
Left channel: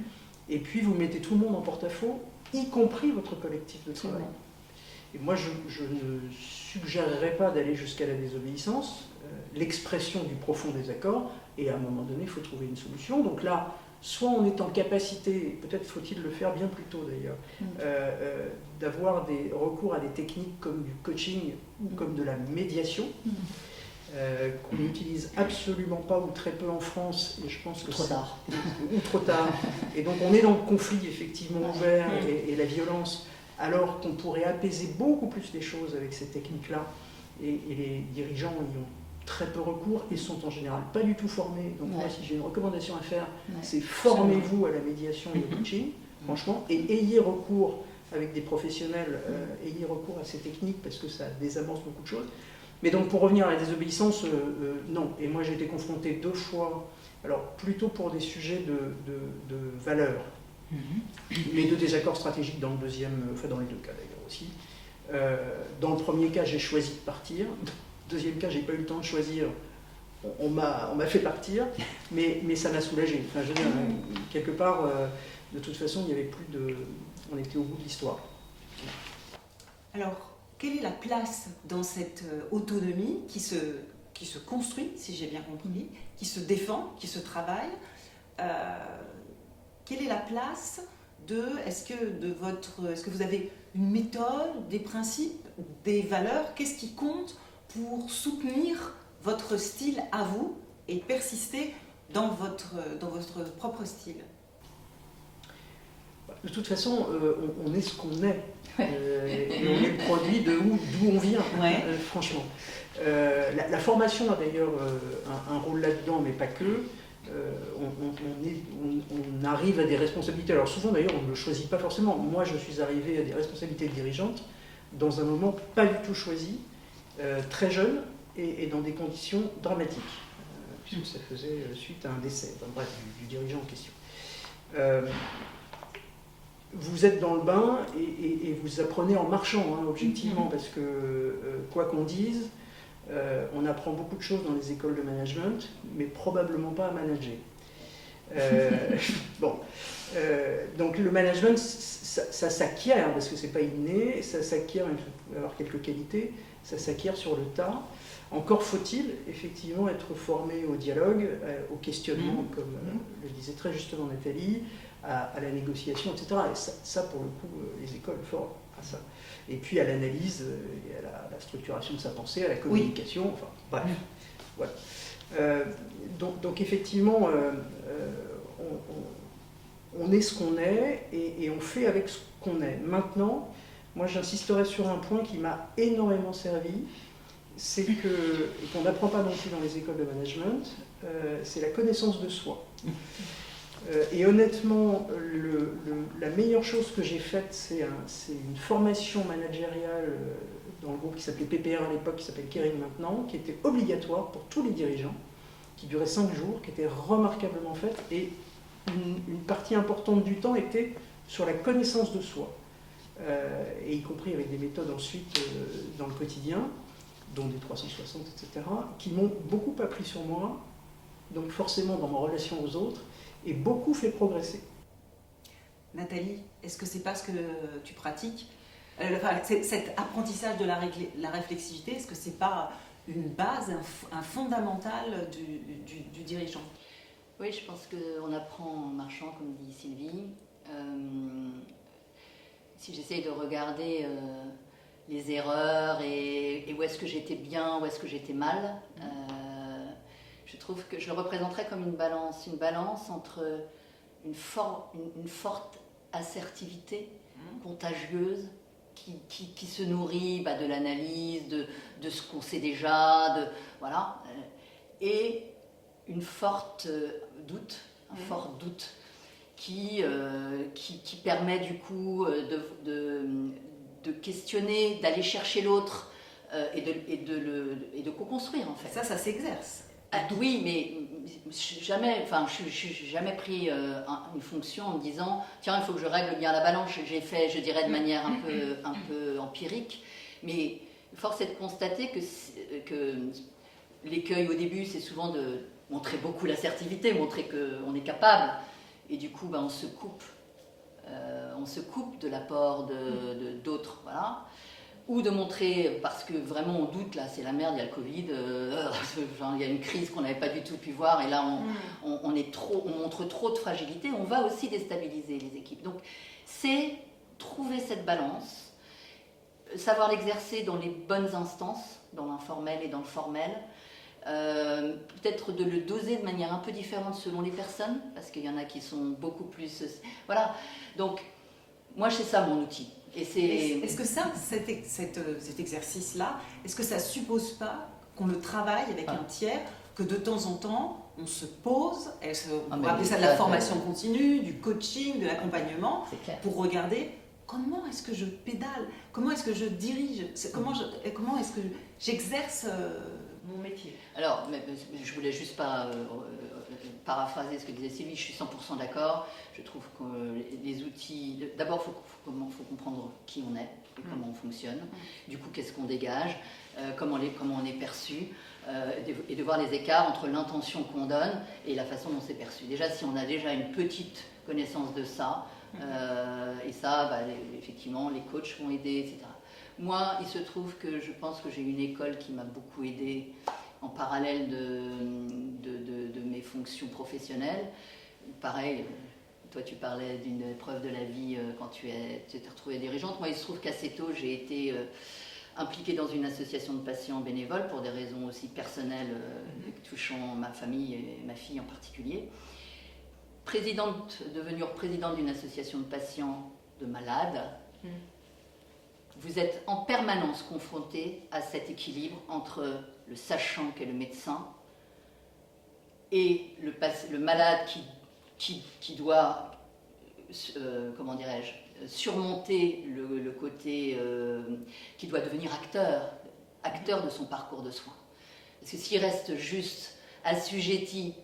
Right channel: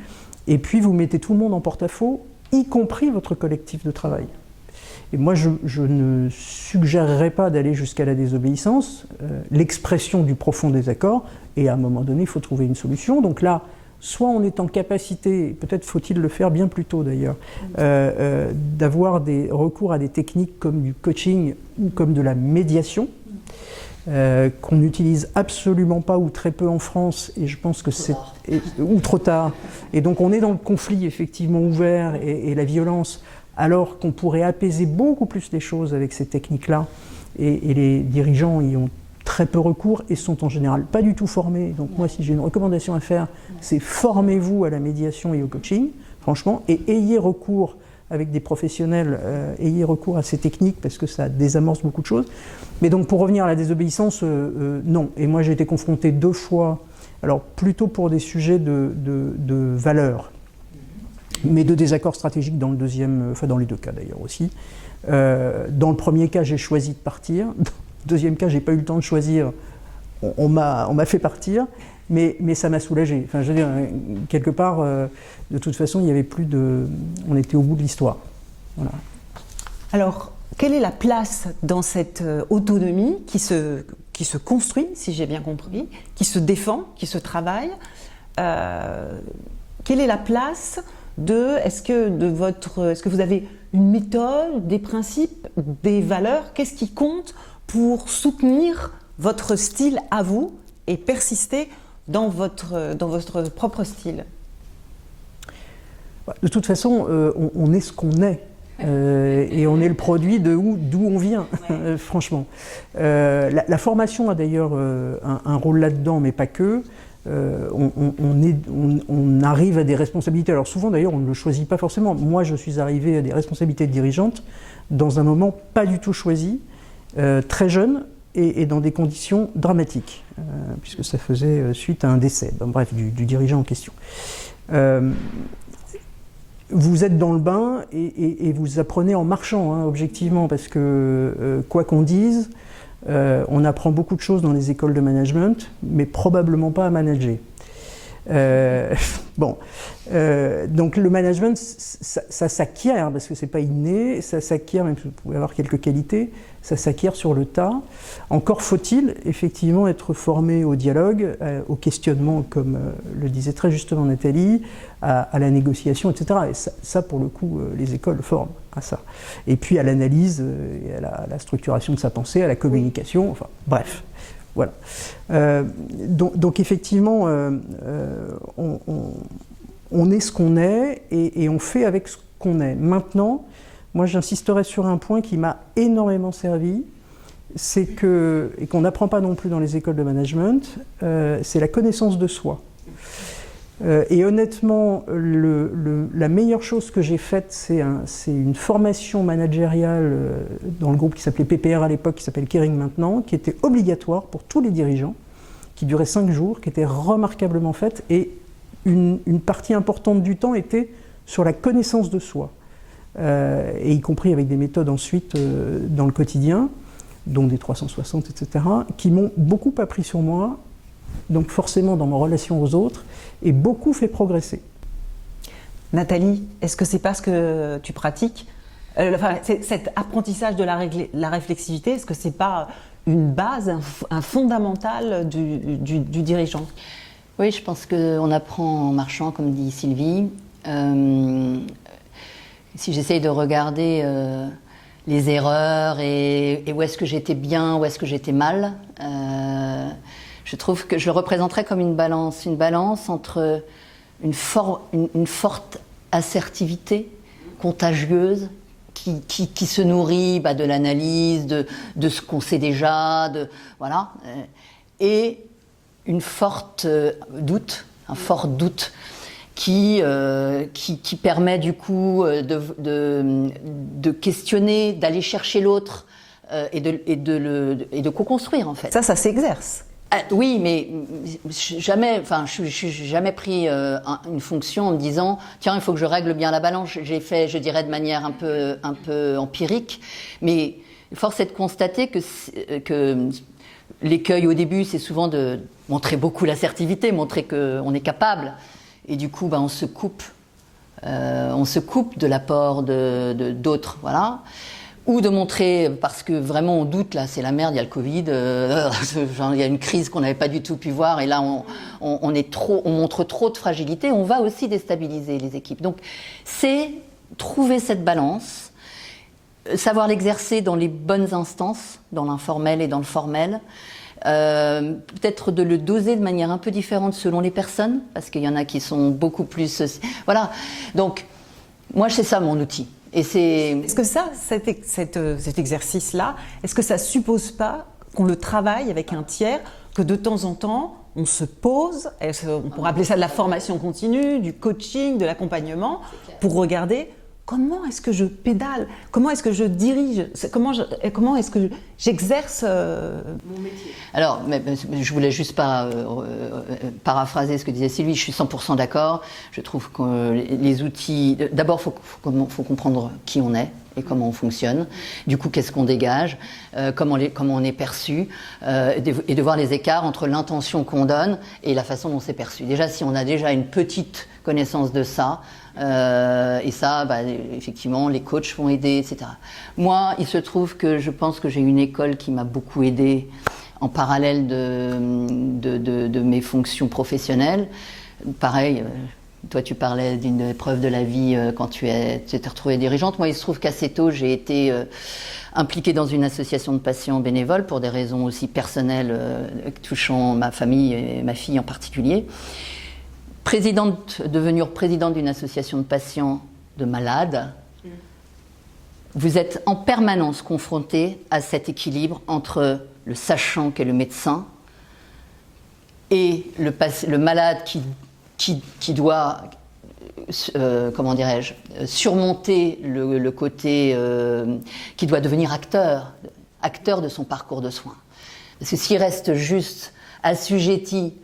Et puis, vous mettez tout le monde en porte-à-faux, y compris votre collectif de travail. Et moi, je ne suggérerais pas d'aller jusqu'à la désobéissance, l'expression du profond désaccord, et à un moment donné, il faut trouver une solution. Donc là, soit on est en capacité, peut-être faut-il le faire bien plus tôt d'ailleurs, d'avoir des recours à des techniques comme du coaching ou comme de la médiation, qu'on n'utilise absolument pas ou très peu en France, et je pense que c'est... ou trop tard. Et donc on est dans le conflit effectivement ouvert et la violence, alors qu'on pourrait apaiser beaucoup plus les choses avec ces techniques-là, et les dirigeants y ont très peu recours et sont en général pas du tout formés. Donc moi, si j'ai une recommandation à faire, c'est formez-vous à la médiation et au coaching, franchement, et ayez recours avec des professionnels, ayez recours à ces techniques parce que ça désamorce beaucoup de choses. Mais donc pour revenir à la désobéissance, non. Et moi j'ai été confronté 2 fois, alors plutôt pour des sujets de valeurs, mais de désaccords stratégiques dans le deuxième, enfin dans les 2 cas d'ailleurs aussi. Dans le premier cas, j'ai choisi de partir. Dans le deuxième cas, j'ai pas eu le temps de choisir. On m'a fait partir, mais ça m'a soulagé. Enfin, je veux dire, quelque part, de toute façon, il y avait plus de... On était au bout de l'histoire. Voilà. Alors, quelle est la place dans cette autonomie qui se construit, si j'ai bien compris, qui se défend, qui se travaille? Quelle est la place est-ce que vous avez une méthode, des principes, des valeurs? Qu'est-ce qui compte pour soutenir votre style à vous et persister dans votre propre style? De toute façon, on est ce qu'on est. Et on est le produit d'où on vient, franchement. La formation a d'ailleurs un rôle là-dedans, mais pas que. on arrive à des responsabilités. Alors souvent d'ailleurs on ne le choisit pas forcément. Moi je suis arrivé à des responsabilités dirigeantes dans un moment pas du tout choisi, très jeune et dans des conditions dramatiques, puisque ça faisait suite à un décès, bref, du dirigeant en question. Vous êtes dans le bain et vous apprenez en marchant, hein, objectivement, parce que quoi qu'on dise, on apprend beaucoup de choses dans les écoles de management, mais probablement pas à manager. Donc le management, ça s'acquiert, parce que c'est pas inné, ça s'acquiert, même si vous pouvez avoir quelques qualités, ça s'acquiert sur le tas. Encore faut-il effectivement être formé au dialogue, au questionnement, comme le disait très justement Nathalie, à la négociation, etc. Et ça pour le coup, les écoles forment à ça. Et puis à l'analyse, et à la structuration de sa pensée, à la communication, enfin bref, voilà. Donc effectivement, on est ce qu'on est et on fait avec ce qu'on est. Maintenant, moi j'insisterai sur un point qui m'a énormément servi, c'est que, et qu'on n'apprend pas non plus dans les écoles de management, c'est la connaissance de soi. Et honnêtement, la meilleure chose que j'ai faite, c'est une formation managériale dans le groupe qui s'appelait PPR à l'époque, qui s'appelle Kering maintenant, qui était obligatoire pour tous les dirigeants, qui durait 5 jours, qui était remarquablement faite, et une partie importante du temps était sur la connaissance de soi, et y compris avec des méthodes ensuite dans le quotidien, dont des 360, etc., qui m'ont beaucoup appris sur moi, donc forcément dans ma relation aux autres, et beaucoup fait progresser. Nathalie, est-ce que c'est parce que tu pratiques cet apprentissage de la réflexivité, est-ce que c'est pas une base, un fondamental du dirigeant? Oui, je pense qu'on apprend en marchant, comme dit Sylvie. Si j'essaye de regarder les erreurs et où est-ce que j'étais bien, où est-ce que j'étais mal, je trouve que je le représenterais comme une balance entre une forte assertivité contagieuse qui se nourrit de l'analyse, de ce qu'on sait déjà, voilà, et un fort doute qui permet du coup de questionner, d'aller chercher l'autre et de co-construire en fait. Ça s'exerce. Oui, mais jamais, je n'ai jamais pris une fonction en me disant tiens, il faut que je règle bien la balance. J'ai fait, je dirais, de manière un peu empirique, mais force est de constater que l'écueil au début, c'est souvent de montrer beaucoup l'assertivité, montrer qu'on est capable, et du coup, on se coupe de l'apport d'autres, voilà. Ou de montrer, parce que vraiment on doute, là c'est la merde, il y a le Covid, il y a une crise qu'on n'avait pas du tout pu voir, et là on montre trop de fragilité, on va aussi déstabiliser les équipes. Donc c'est trouver cette balance, savoir l'exercer dans les bonnes instances, dans l'informel et dans le formel, peut-être de le doser de manière un peu différente selon les personnes, parce qu'il y en a qui sont beaucoup plus... Voilà, donc moi c'est ça mon outil. Est-ce que cet exercice-là, est-ce que ça suppose pas qu'on le travaille avec un tiers, que de temps en temps, on se pose, on pourrait appeler ça de la formation continue, du coaching, de l'accompagnement, pour regarder comment est-ce que je pédale, comment est-ce que je dirige, comment est-ce que j'exerce mon métier. Alors, je voulais juste pas paraphraser ce que disait Sylvie, je suis 100% d'accord. Je trouve que les outils... D'abord, il faut comprendre qui on est et comment on fonctionne. Du coup, qu'est-ce qu'on dégage, comment on est perçu, et de voir les écarts entre l'intention qu'on donne et la façon dont c'est perçu. Déjà, si on a déjà une petite connaissance de ça, et ça, effectivement, les coachs vont aider, etc. Moi, il se trouve que je pense que j'ai une école qui m'a beaucoup aidée en parallèle de mes fonctions professionnelles. Pareil, toi tu parlais d'une épreuve de la vie quand tu t'es retrouvée dirigeante. Moi, il se trouve qu'assez tôt, j'ai été impliquée dans une association de patients bénévoles pour des raisons aussi personnelles touchant ma famille et ma fille en particulier. Devenir présidente d'une association de patients de malades, vous êtes en permanence confronté à cet équilibre entre le sachant qu'est le médecin et le malade qui doit, comment dirais-je, surmonter le côté, qui doit devenir acteur de son parcours de soins. Parce que s'il reste juste assujetti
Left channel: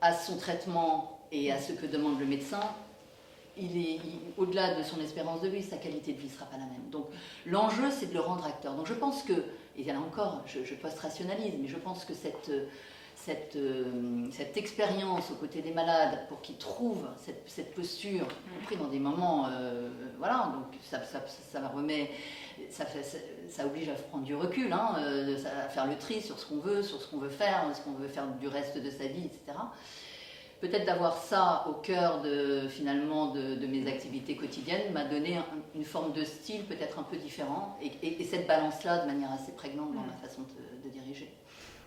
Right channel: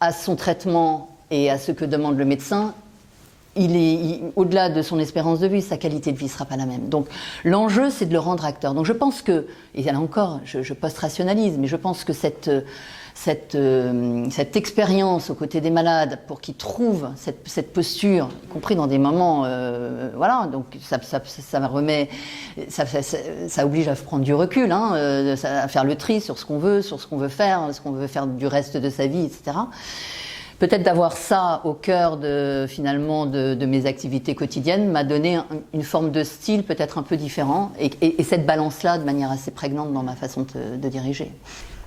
à son traitement et à ce que demande le médecin, au-delà de son espérance de vie, sa qualité de vie ne sera pas la même. Donc l'enjeu, c'est de le rendre acteur. Donc je pense que, et là encore, je post-rationalise, mais je pense que cette expérience aux côtés des malades pour qu'ils trouvent cette posture, y compris dans des moments, voilà, donc ça oblige à prendre du recul, hein, à faire le tri sur ce qu'on veut faire du reste de sa vie, etc. Peut-être d'avoir ça au cœur finalement de mes activités quotidiennes m'a donné une forme de style peut-être un peu différent et cette balance-là de manière assez prégnante dans ma façon de diriger.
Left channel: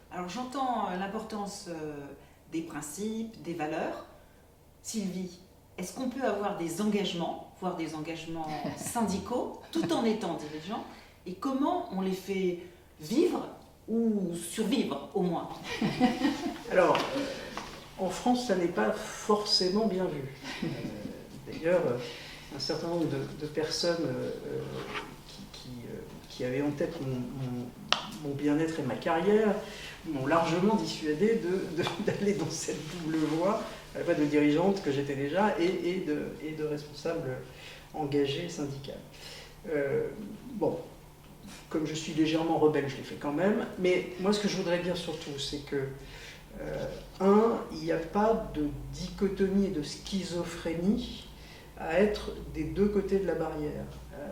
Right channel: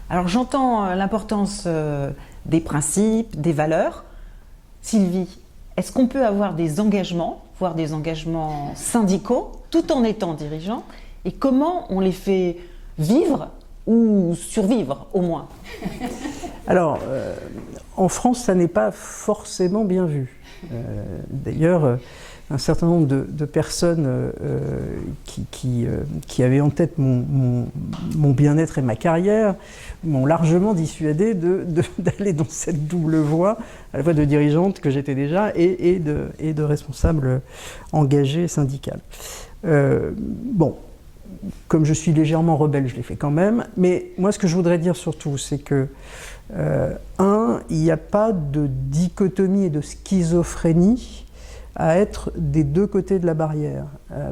Alors j'entends l'importance des principes, des valeurs. Sylvie, est-ce qu'on peut avoir des engagements, voire des engagements syndicaux, tout en étant dirigeant? Et comment on les fait vivre ou survivre au moins? Alors, en France, ça n'est pas forcément bien vu. D'ailleurs, un certain nombre de personnes qui avaient en tête mon bien-être et ma carrière m'ont largement dissuadé d'aller dans cette double voie, à la fois de dirigeante que j'étais déjà et de responsable engagé syndical. Bon, comme je suis légèrement rebelle, je l'ai fait quand même, mais moi ce que je voudrais dire surtout, c'est que il n'y a pas de dichotomie et de schizophrénie à être des deux côtés de la barrière.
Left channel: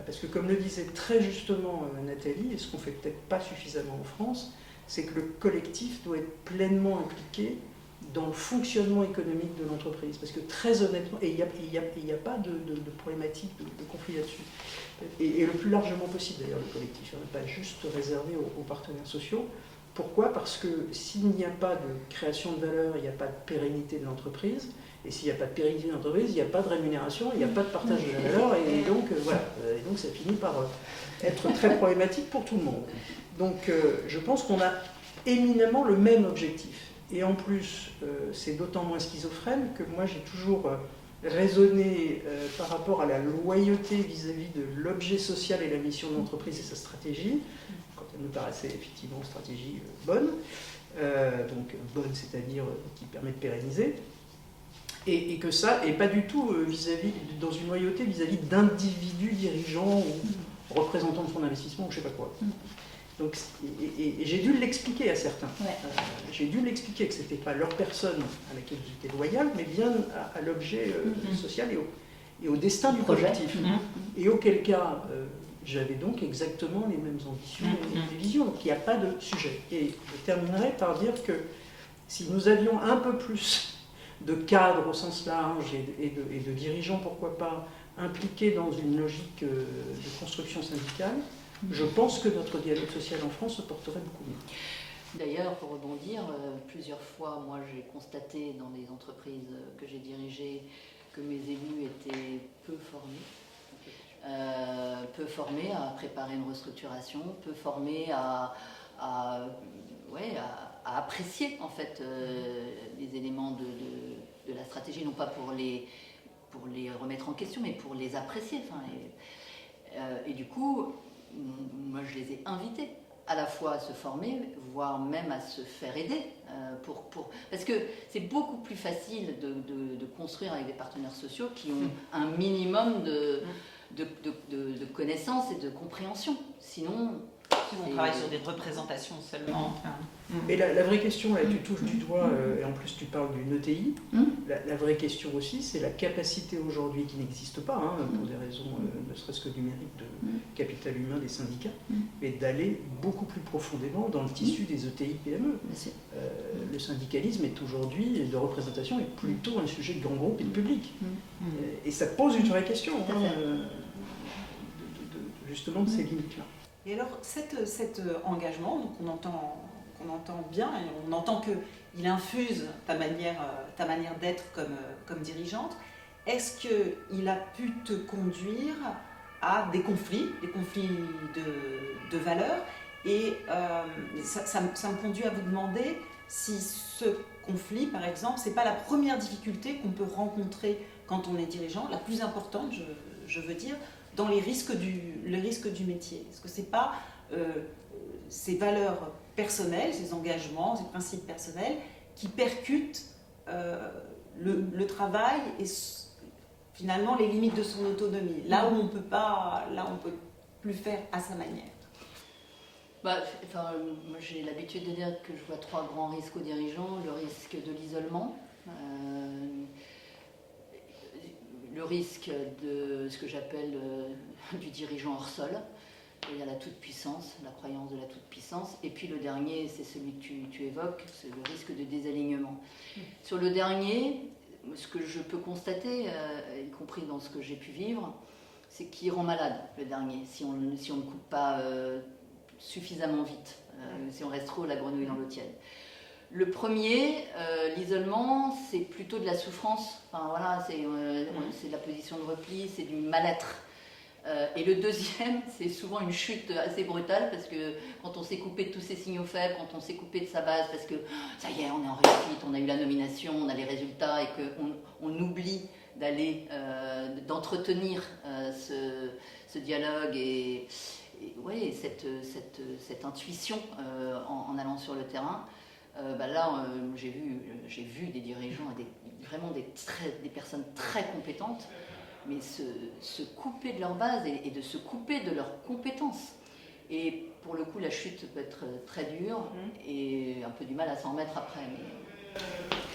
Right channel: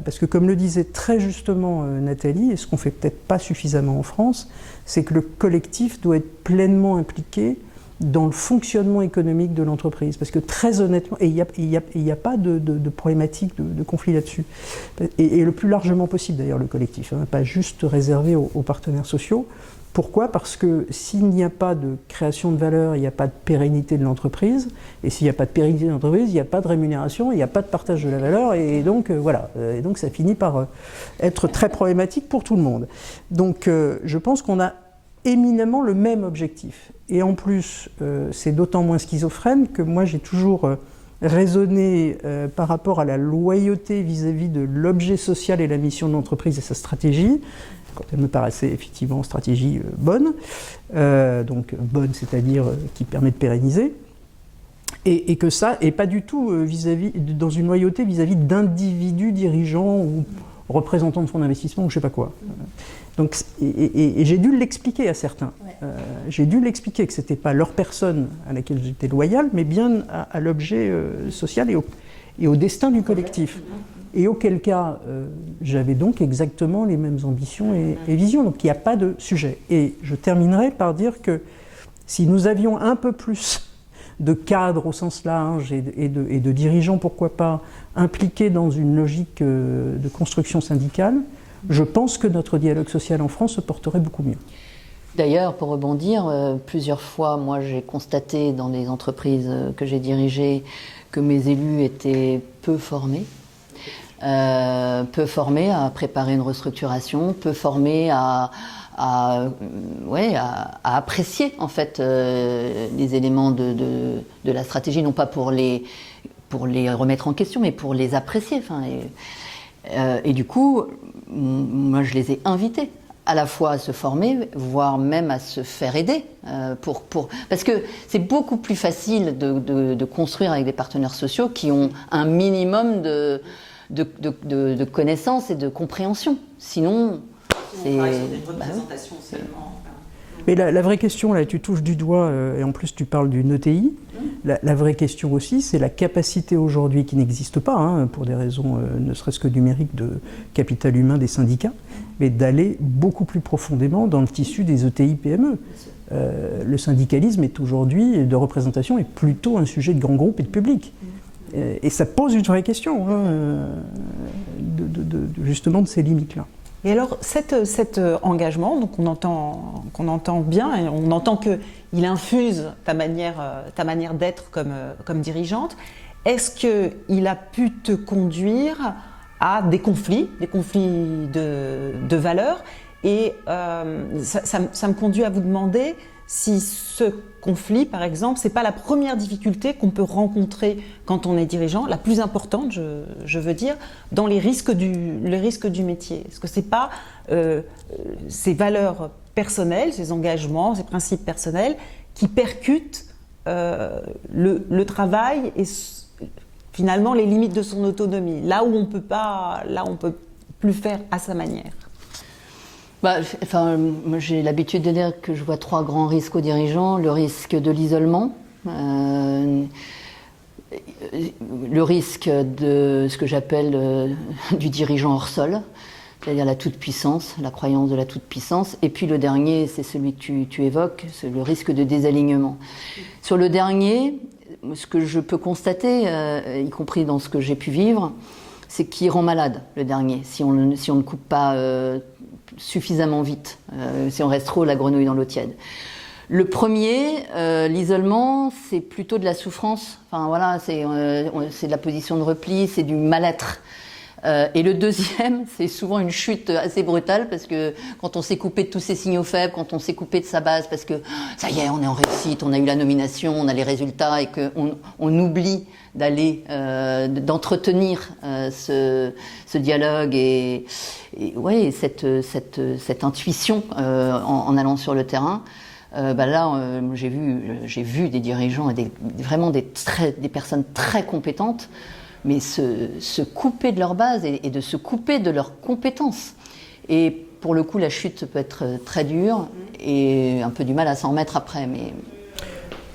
Parce que comme le disait très justement Nathalie, et ce qu'on ne fait peut-être pas suffisamment en France, c'est que le collectif doit être pleinement impliqué dans le fonctionnement économique de l'entreprise. Parce que très honnêtement, et il n'y a pas de problématique, de conflit là-dessus, et le plus largement possible d'ailleurs le collectif, hein, pas juste réservé aux partenaires sociaux. Pourquoi? Parce que s'il n'y a pas de création de valeur, il n'y a pas de pérennité de l'entreprise, et s'il n'y a pas de pérennité de l'entreprise, il n'y a pas de rémunération, il n'y a pas de partage de la valeur, et donc voilà. Et donc ça finit par être très problématique pour tout le monde. Donc je pense qu'on a éminemment le même objectif. Et en plus, c'est d'autant moins schizophrène que moi j'ai toujours raisonné par rapport à la loyauté vis-à-vis de l'objet social et la mission de l'entreprise et sa stratégie, quand elle me paraissait effectivement stratégie bonne, donc bonne, c'est-à-dire qui permet de pérenniser, et que ça, et pas du tout dans une loyauté vis-à-vis d'individus dirigeants ou représentants de fonds d'investissement ou je sais pas quoi. Donc, et j'ai dû l'expliquer à certains. J'ai dû l'expliquer que c'était pas leur personne à laquelle j'étais loyal, mais bien à l'objet social et au destin du collectif. Et auquel cas, j'avais donc exactement les mêmes ambitions et visions. Donc il n'y a pas de sujet. Et je terminerai par dire que si nous avions un peu plus de cadres au sens large et de dirigeants, pourquoi pas, impliqués dans une logique de construction syndicale, je pense que notre dialogue social en France se porterait beaucoup mieux. D'ailleurs, pour rebondir, plusieurs fois, moi j'ai constaté dans les entreprises que j'ai dirigées que mes élus étaient peu formés à préparer une restructuration, peu formés à apprécier en fait les éléments de la stratégie, non pas pour les remettre en question, mais pour les apprécier. Enfin, et du coup, moi je les ai invités à la fois à se former, voire même à se faire aider, parce que c'est beaucoup plus facile de construire avec des partenaires sociaux qui ont un minimum de connaissances et de compréhension. Sinon, c'est une représentation seulement. Mais la vraie question, là, tu touches du doigt, et en plus tu parles d'une ETI, la vraie question aussi, c'est la capacité aujourd'hui, qui n'existe pas, hein, pour des raisons ne serait-ce que numériques de capital humain des syndicats, mais d'aller beaucoup plus profondément dans le tissu des ETI-PME. Le syndicalisme est aujourd'hui, de représentation, est plutôt un sujet de grands groupes et de public. Et ça pose une vraie question, hein, justement de ces limites-là. Et alors, cet engagement, donc qu'on entend bien, et on entend qu'il infuse ta manière d'être comme dirigeante, est-ce qu'il a pu te conduire à des conflits de valeurs? Et ça me conduit à vous demander si ce conflit, par exemple, c'est pas la première difficulté qu'on peut rencontrer quand on est dirigeant, la plus importante, je veux dire, dans les risques du métier. Est-ce que c'est pas ces valeurs personnelles, ces engagements, ces principes personnels qui percutent le travail et finalement les limites de son autonomie, là où on peut plus faire à sa manière? Moi, j'ai l'habitude de dire que je vois 3 grands risques aux dirigeants. Le risque de l'isolement, le risque de ce que j'appelle du dirigeant hors sol, c'est-à-dire la toute-puissance, la croyance de la toute-puissance. Et puis le dernier, c'est celui que tu évoques, c'est le risque de désalignement. Sur le dernier, ce que je peux constater, y compris dans ce que j'ai pu vivre, c'est qu'il rend malade, le dernier, si on ne coupe pas suffisamment vite, si on reste trop la grenouille dans l'eau tiède. Le premier, l'isolement, c'est plutôt de la souffrance. Enfin voilà, c'est de la position de repli, c'est du mal-être. Et le deuxième, c'est souvent une chute assez brutale parce que quand on s'est coupé de tous ses signaux faibles, quand on s'est coupé de sa base, parce que ça y est, on est en réussite, on a eu la nomination, on a les résultats et qu'on oublie d'entretenir ce dialogue et cette intuition en allant sur le terrain. J'ai vu des dirigeants et vraiment des personnes très compétentes, mais se couper de leur base et de se couper de leurs compétences. Et pour le coup, la chute peut être très dure et un peu du mal à s'en remettre après. Mais...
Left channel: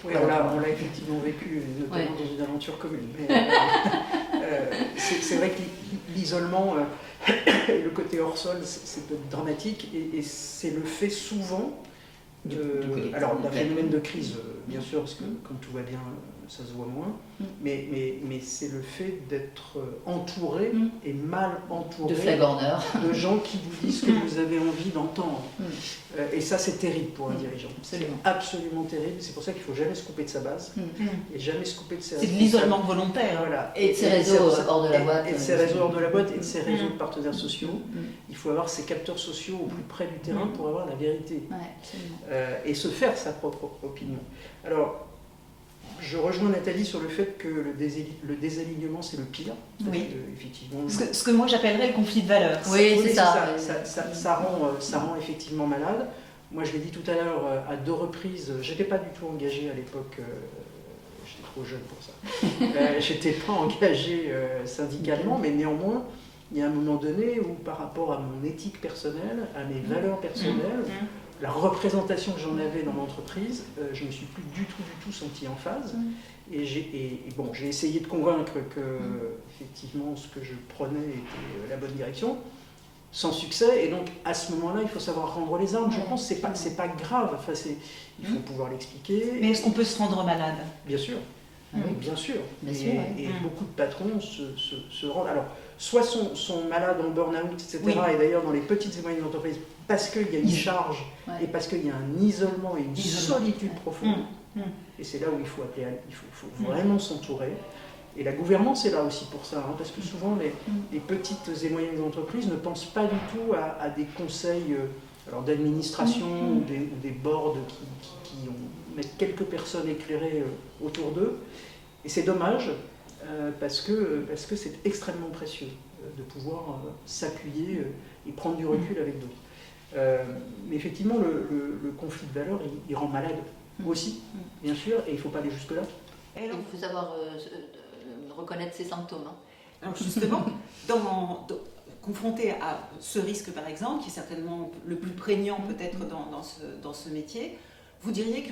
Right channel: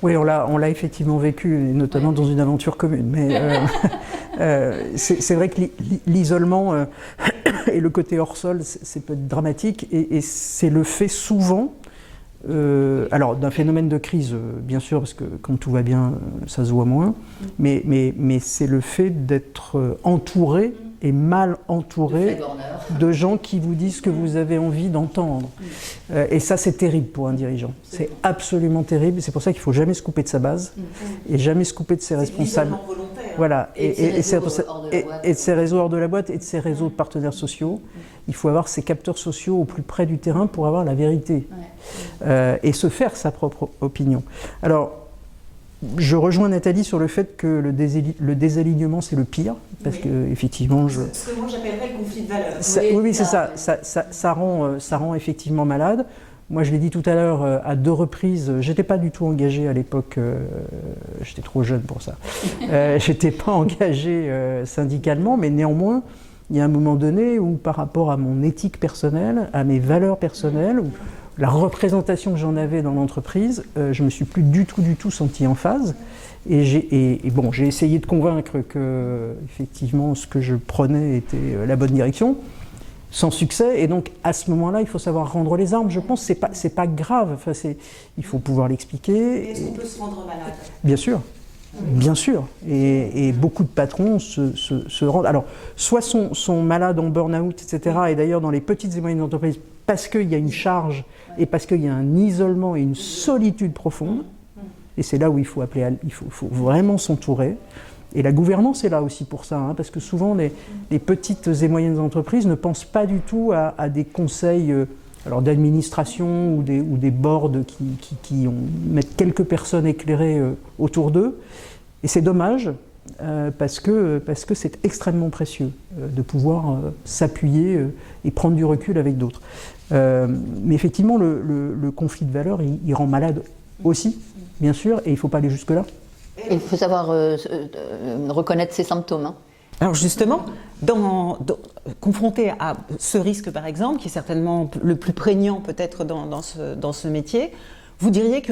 Oui, on l'a effectivement vécu, notamment dans une aventure commune. Mais c'est vrai que l'isolement et le côté hors sol, c'est peut être dramatique et c'est le fait souvent. Alors d'un phénomène de crise, bien sûr, parce que quand tout va bien, ça se voit moins, mais c'est le fait d'être entouré et mal entouré de gens qui vous disent ce que vous avez envie d'entendre. Et ça, c'est terrible pour un dirigeant. C'est absolument terrible. C'est pour ça qu'il ne faut jamais se couper de sa base et jamais se couper de ses responsables. C'est l'isolement volontaire. Voilà. Et de ses réseaux hors de la boîte. Et de ses réseaux hors de la boîte et de ses réseaux de partenaires sociaux. Il faut avoir ces capteurs sociaux au plus près du terrain pour avoir la vérité. Et se faire sa propre opinion. Alors, je rejoins Nathalie sur le fait que le désalignement, c'est le pire, parce que effectivement... Ce que moi j'appellerais le conflit de valeurs. Oui, c'est ça. Ça rend effectivement malade. Moi, je l'ai dit tout à l'heure, à 2 reprises, j'étais pas du tout engagé à l'époque, j'étais trop jeune pour ça. J'étais pas engagé syndicalement, mais néanmoins, il y a un moment donné où, par rapport à mon éthique personnelle, à mes valeurs personnelles, la représentation que j'en avais dans l'entreprise, je me suis plus du tout senti en phase. Et j'ai essayé de convaincre que, effectivement, ce que je prenais était la bonne direction, sans succès. Et donc, à ce moment-là, il faut savoir rendre les armes. Je pense que c'est pas grave. Enfin, il faut pouvoir l'expliquer. Mais est-ce qu'on peut se rendre malade ? Bien sûr. Bien sûr. Et beaucoup de patrons se rendent... Alors, soit sont malades en burn-out, etc. Et d'ailleurs, dans les petites et moyennes entreprises, parce qu'il y a une charge et parce qu'il y a un isolement et une solitude profonde. Et c'est là où il faut faut vraiment s'entourer. Et la gouvernance est là aussi pour ça, parce que souvent, les petites et moyennes entreprises ne pensent pas du tout à des conseils d'administration ou des boards qui mettent quelques personnes éclairées autour d'eux. Et c'est dommage, parce que c'est extrêmement précieux de pouvoir s'appuyer et prendre du recul avec d'autres. Mais effectivement, le conflit de valeurs, il rend malade aussi, bien sûr, et il ne faut pas aller jusque-là. Il faut savoir reconnaître ses symptômes. Alors justement, confronté à ce risque par exemple, qui est certainement le plus prégnant peut-être dans ce métier, vous diriez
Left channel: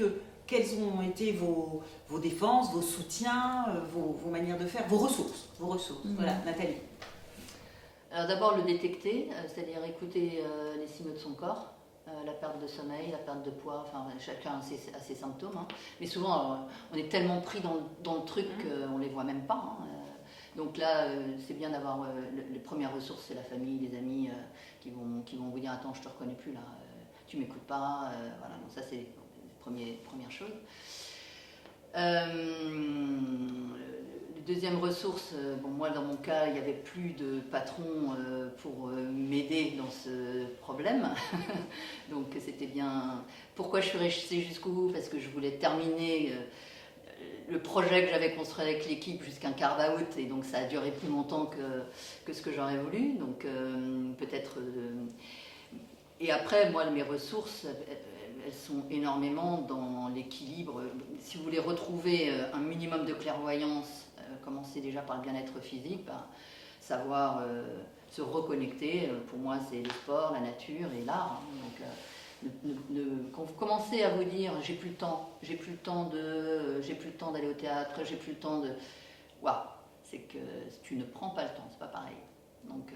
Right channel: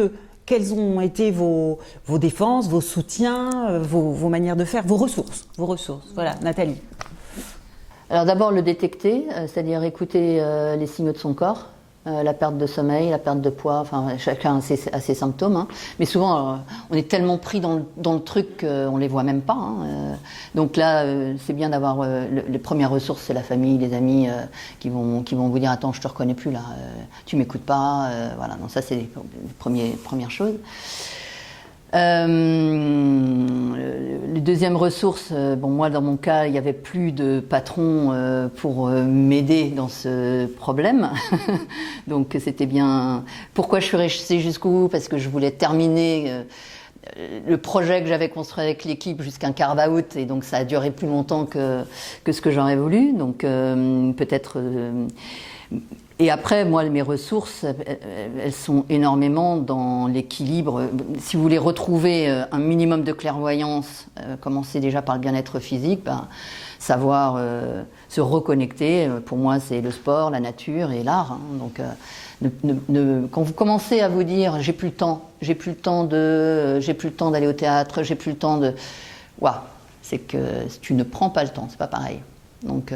quelles ont été vos défenses, vos soutiens, vos manières de faire, vos ressources. Voilà, Nathalie. Alors d'abord le détecter, c'est-à-dire écouter les signaux de son corps, la perte de sommeil, la perte de poids, enfin chacun a ses symptômes. Mais souvent on est tellement pris dans le truc qu'on les voit même pas. Donc là c'est bien d'avoir les premières ressources, c'est la famille, les amis qui vont vous dire attends je te reconnais plus là, tu m'écoutes pas, voilà. Donc ça c'est les premières choses. Les deuxièmes ressources, bon, moi dans mon cas, il n'y avait plus de patron pour m'aider dans ce problème. Donc c'était bien. Pourquoi je suis restée jusqu'au bout? Parce que je voulais terminer le projet que j'avais construit avec l'équipe jusqu'à un carve-out, et donc ça a duré plus longtemps que ce que j'aurais voulu. Donc peut-être. Et après, moi, mes ressources, elles sont énormément dans l'équilibre. Si vous voulez retrouver un minimum de clairvoyance, commencer déjà par le bien-être physique, savoir se reconnecter, pour moi, c'est le sport, la nature et l'art. Hein. Donc, quand vous commencez à vous dire j'ai plus le temps d'aller au théâtre, j'ai plus le temps de, waouh, c'est que tu ne prends pas le temps, c'est pas pareil. Donc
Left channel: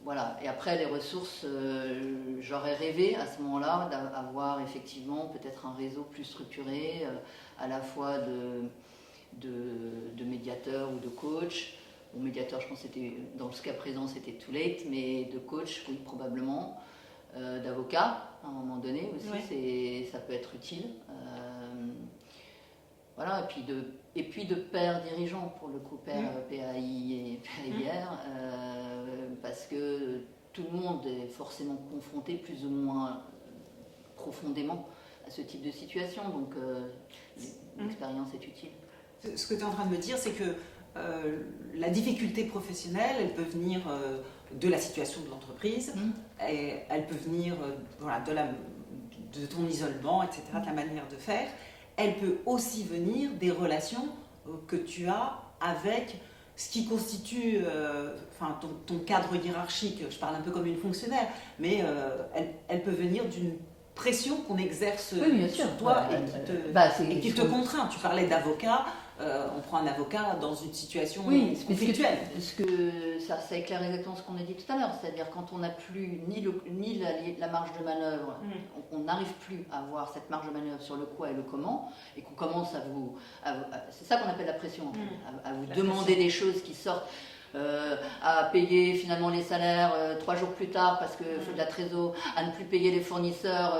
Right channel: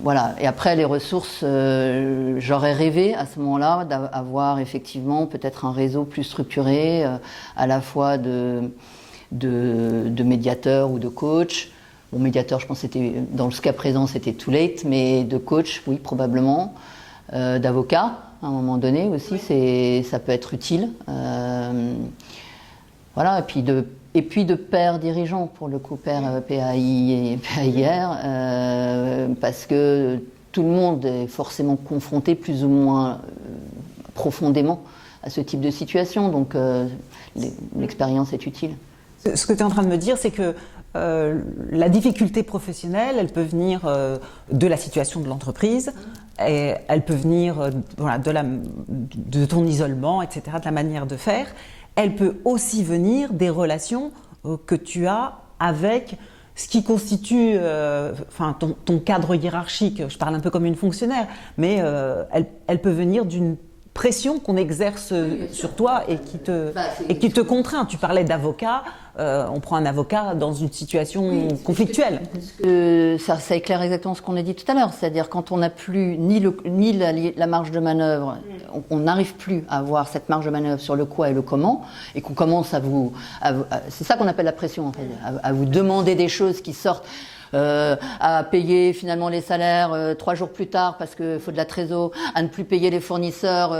voilà. Et après les ressources, j'aurais rêvé à ce moment-là d'avoir effectivement peut-être un réseau plus structuré, à la fois de médiateurs ou de coachs. Bon, médiateur, je pense que c'était, dans ce cas présent, c'était too late, mais de coach, oui, probablement. D'avocat, à un moment donné aussi, ça peut être utile. Voilà, et puis de père dirigeant, pour le coup, père PAI et PAIR, parce que tout le monde est forcément confronté plus ou moins profondément à ce type de situation, donc l'expérience est utile. Ce que tu es en train de me dire, c'est que la difficulté professionnelle, elle peut venir de la situation de l'entreprise, et elle peut venir voilà, de ton isolement, etc., de la manière de faire. Elle peut aussi venir des relations que tu as avec ce qui constitue ton cadre hiérarchique. Je parle un peu comme une fonctionnaire, mais elle peut venir d'une pression qu'on exerce sur toi et qui te contraint. Tu parlais d'avocat, on prend un avocat dans une situation conflictuelle. Parce que ça éclaire exactement ce qu'on a dit tout à l'heure, c'est-à-dire quand on n'a plus ni la marge de manœuvre, on n'arrive plus à avoir cette marge de manœuvre sur le quoi et le comment, et qu'on commence c'est ça qu'on appelle la pression en fait, à vous demander des choses qui sortent. À payer finalement les salaires 3 jours plus tard parce qu'il faut de la trésor, à ne plus payer les fournisseurs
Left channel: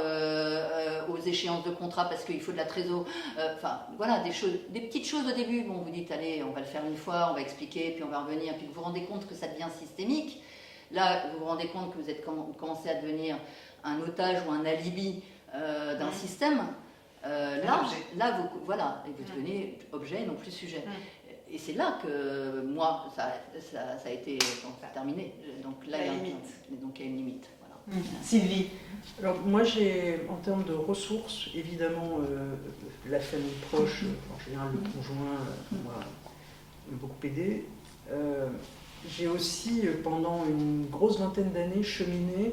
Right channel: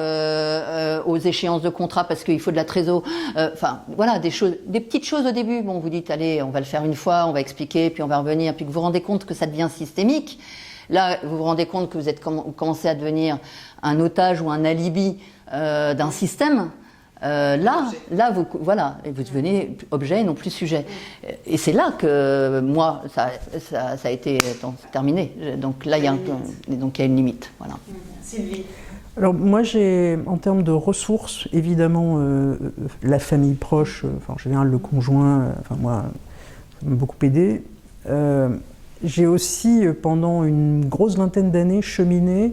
aux échéances de contrat parce qu'il faut de la trésor. Enfin, voilà, des petites choses au début. Bon, vous dites, allez, on va le faire une fois, on va expliquer, puis on va revenir, puis que vous vous rendez compte que ça devient systémique. Là, vous vous rendez compte que vous commencez à devenir un otage ou un alibi d'un système. Là, voilà, et vous devenez objet et non plus sujet. Et c'est là que moi, ça a été terminé. Donc là, il y a une limite. Voilà. Sylvie. Alors moi, j'ai, en termes de ressources, évidemment, la famille proche, en général le conjoint, moi, ça m'a beaucoup aidé. J'ai aussi, pendant une grosse vingtaine d'années, cheminé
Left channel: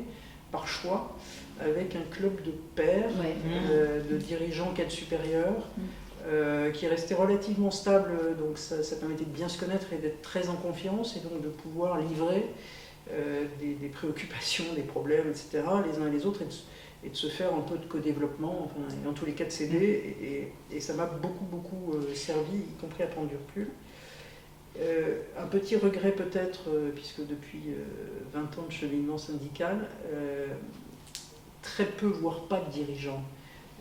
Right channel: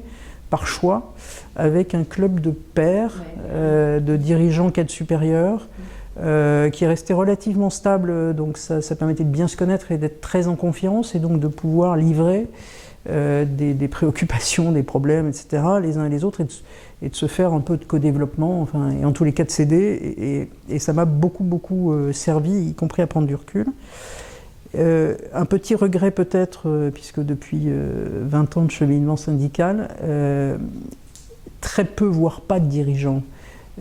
par choix avec un club de pairs, de dirigeants cadres supérieurs, qui est resté relativement stable, donc ça permettait de bien se connaître et d'être très en confiance, et donc de pouvoir livrer des préoccupations, des problèmes, etc., les uns et les autres, et de se faire un peu de co-développement, et en tous les cas de s'aider, et ça m'a beaucoup servi, y compris à prendre du recul. Un petit regret peut-être, puisque depuis 20 ans de cheminement syndical, très peu, voire pas de dirigeants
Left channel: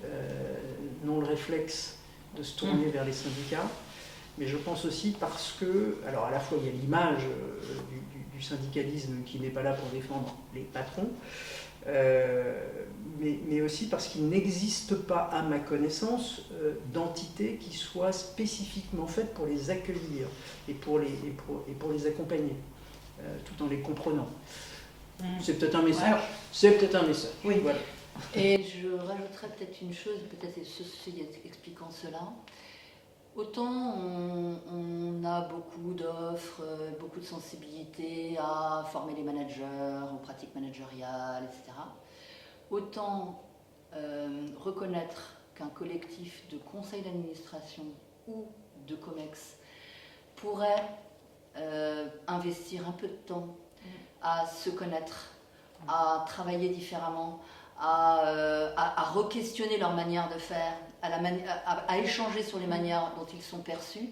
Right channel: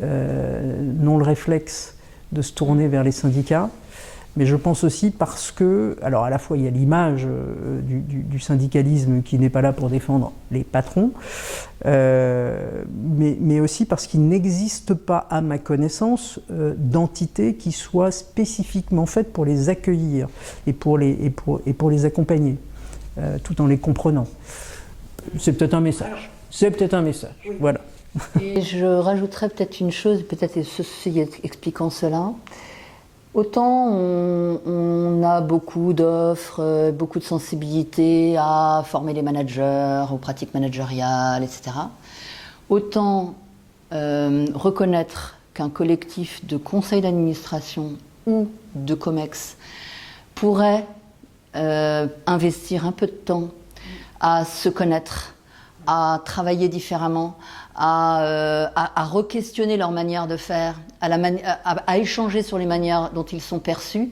n'ont le réflexe de se tourner vers les syndicats. Mais je pense aussi parce que, alors à la fois il y a l'image du syndicalisme qui n'est pas là pour défendre les patrons, mais aussi parce qu'il n'existe pas, à ma connaissance, d'entité qui soit spécifiquement faite pour les accueillir et pour les accompagner, tout en les comprenant. C'est peut-être un message. C'est peut-être un message. Oui. Voilà. Et je rajouterais peut-être une chose, peut-être ceci expliquant cela. Autant on a beaucoup d'offres, beaucoup de sensibilité à former les managers, aux pratiques managériales, etc. Autant reconnaître qu'un collectif de conseils d'administration ou de COMEX pourrait investir un peu de temps à se connaître, à travailler différemment, à re-questionner leur manière de faire, à échanger sur les manières dont ils sont perçus.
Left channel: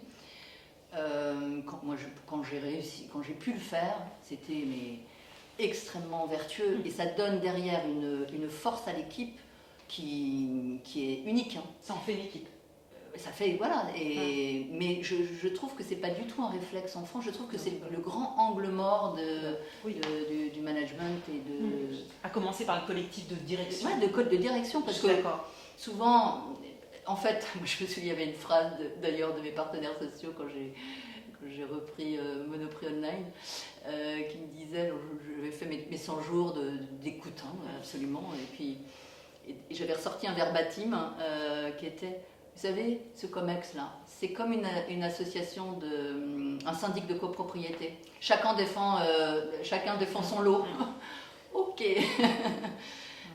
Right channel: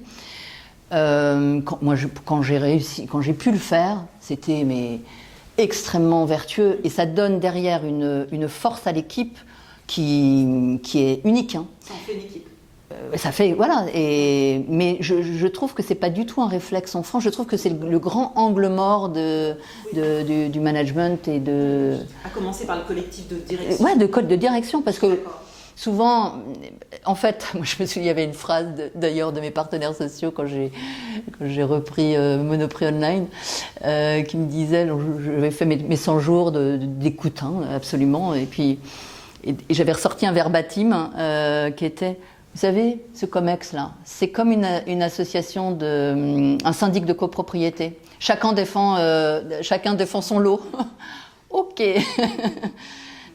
Quand j'ai pu le faire, c'était extrêmement vertueux, et ça donne derrière une force à l'équipe qui est unique. Hein. Ça en fait une équipe. Ça fait, voilà, mais je trouve que c'est pas du tout un réflexe en France. Je trouve que c'est le grand angle mort du management et de... À commencer par le collectif de direction. Ouais, de direction, parce que souvent, en fait, moi je me souviens, il y avait une phrase d'ailleurs de mes partenaires sociaux quand j'ai repris Monoprix Online, qui me disait, j'avais fait mes 100 jours d'écoute, hein, absolument, et puis j'avais ressorti un verbatim qui était... Vous savez, ce COMEX-là, c'est comme une association, un syndic de copropriété. Chacun défend son lot. Ok.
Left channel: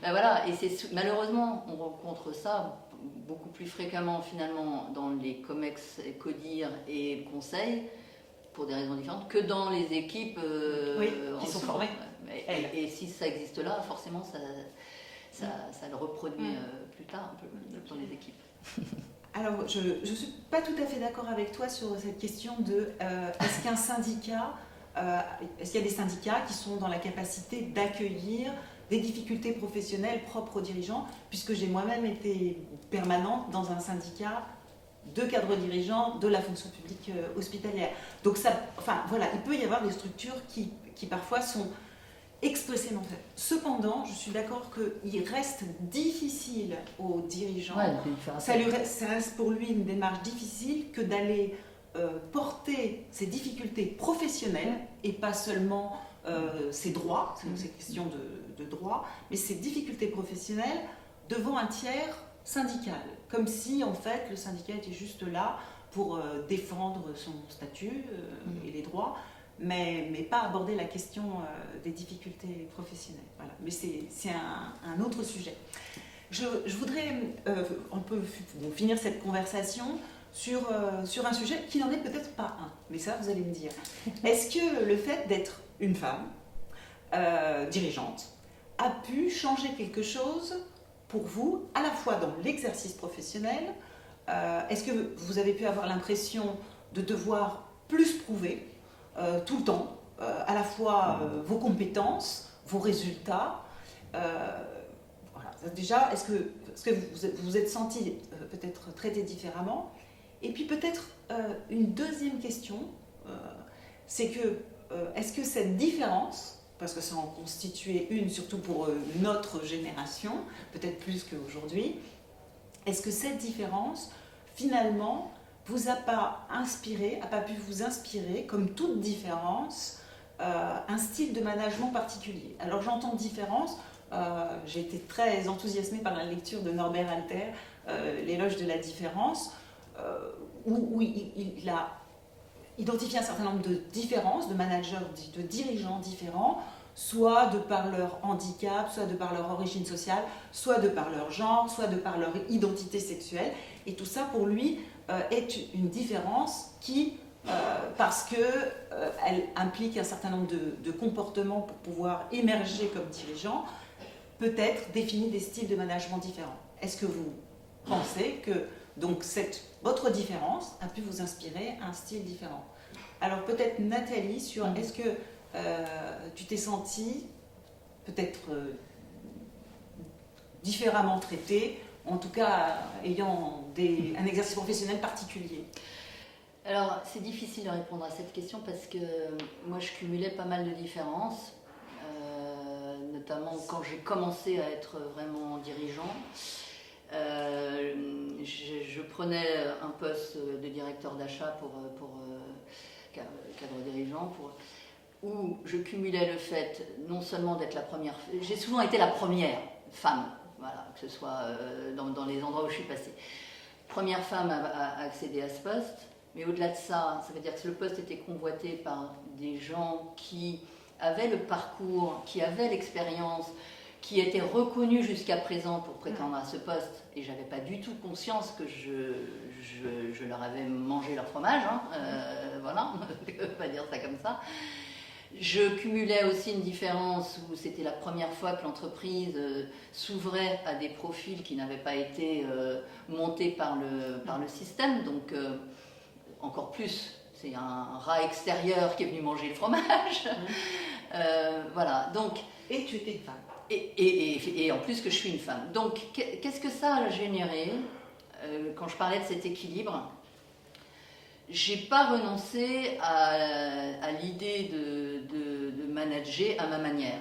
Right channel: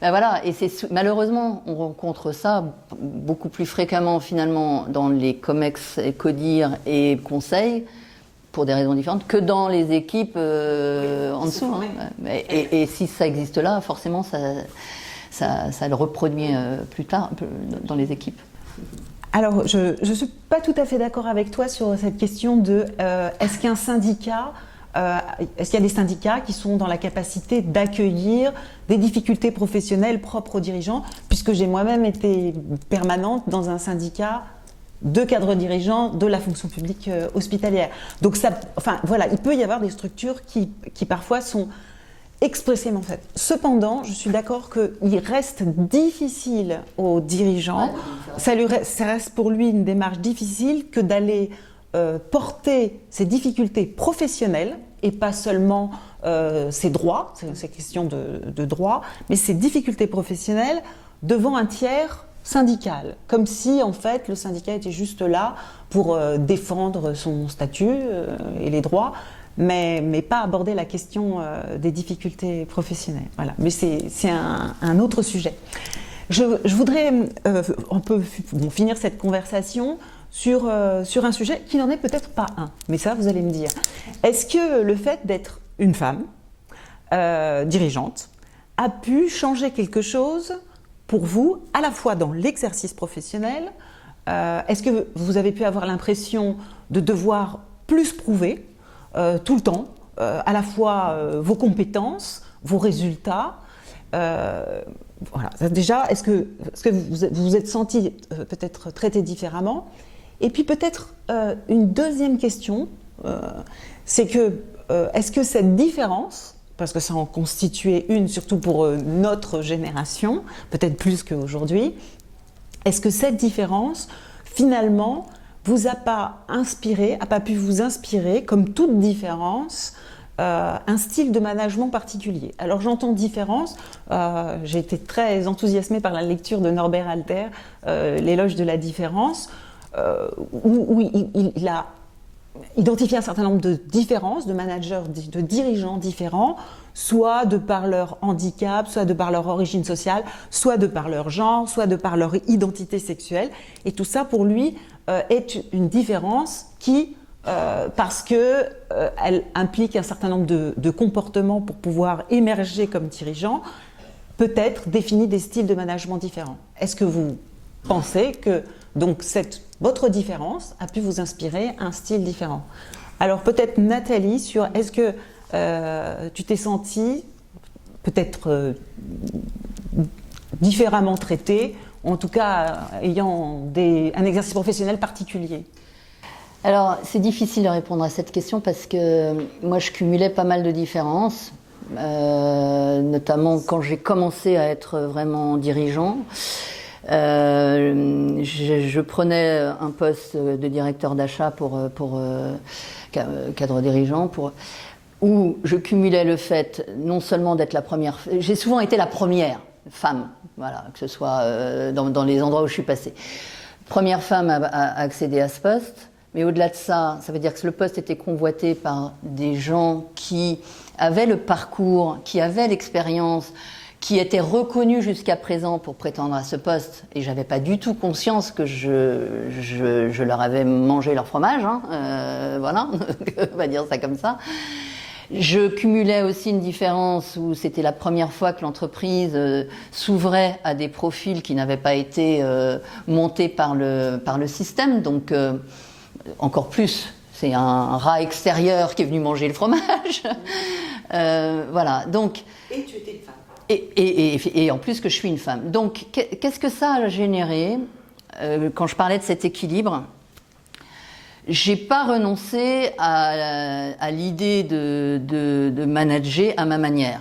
Ben voilà, et malheureusement, on rencontre ça beaucoup plus fréquemment finalement dans les COMEX, CODIR et conseils, pour des raisons différentes, que dans les équipes en dessous. Et si ça existe là, forcément, ça le reproduit plus tard dans les équipes. Alors, je ne suis pas tout à fait d'accord avec toi sur cette question de est-ce qu'il y a des syndicats qui sont dans la capacité d'accueillir des difficultés professionnelles propres aux dirigeants, puisque j'ai moi-même été permanente dans un syndicat de cadres dirigeants de la fonction publique hospitalière. Donc, voilà, il peut y avoir des structures qui parfois sont expressément faites. Cependant, je suis d'accord qu'il reste difficile aux dirigeants, ça reste pour lui une démarche difficile que d'aller porter ses difficultés professionnelles et pas seulement ses droits, c'est question de droits, mais ses difficultés professionnelles devant un tiers syndical, comme si en fait le syndicat était juste là pour défendre son statut et les droits, mais pas aborder la question des difficultés professionnelles. Voilà. Mais c'est un autre sujet. Je voudrais, on peut finir cette conversation sur un sujet qui n'en est peut-être pas un, mais ça vous allez me dire. Est-ce que le fait d'être une femme dirigeante a pu changer quelque chose pour vous, à la fois dans l'exercice professionnel? Est-ce que vous avez pu avoir l'impression de devoir plus prouver tout le temps, à la fois vos compétences, vos résultats? Voilà. Déjà, est-ce que vous vous êtes senti peut-être traité différemment? Et puis peut-être une deuxième question, c'est que est-ce que cette différence, parce que ça en constituait une, surtout pour notre génération, peut-être plus qu'aujourd'hui, est-ce que cette différence, finalement, vous a pas pu vous inspirer, comme toute différence, un style de management particulier? Alors j'entends différence, j'ai été très enthousiasmée par la lecture de Norbert Halter, L'éloge de la différence, où il a identifié un certain nombre de différences, de managers, de dirigeants différents, soit de par leur handicap, soit de par leur origine sociale, soit de par leur genre, soit de par leur identité sexuelle. Et tout ça, pour lui, est une différence qui, parce qu'elle implique un certain nombre de comportements pour pouvoir émerger comme dirigeant, peut-être définit des styles de management différents. Est-ce que vous pensez que donc votre différence a pu vous inspirer un style différent? Alors peut-être Nathalie, sur est-ce que tu t'es sentie peut-être différemment traitée, en tout cas ayant un exercice professionnel particulier? Alors c'est difficile de répondre à cette question parce que moi je cumulais pas mal de différences, notamment quand j'ai commencé à être vraiment dirigeant. Je prenais un poste de directeur d'achat pour cadre dirigeant, où je cumulais le fait non seulement d'être la première, j'ai souvent été la première femme, voilà, que ce soit dans les endroits où je suis passée. Première femme à accéder à ce poste, mais au-delà de ça, ça veut dire que le poste était convoité par des gens qui avaient le parcours, qui avaient l'expérience, qui étaient reconnus jusqu'à présent pour prétendre à ce poste, et j'avais pas du tout conscience que je leur avais mangé leur fromage, hein, voilà, on va dire ça comme ça. Je cumulais aussi une différence où c'était la première fois que l'entreprise s'ouvrait à des profils qui n'avaient pas été montés par le système, donc encore plus, c'est un rat extérieur qui est venu manger le fromage. Voilà, donc... Et tu étais une femme. Et en plus que je suis une femme. Donc, qu'est-ce que ça a généré? quand je parlais de cet équilibre, j'ai pas renoncé à l'idée de manager à ma manière.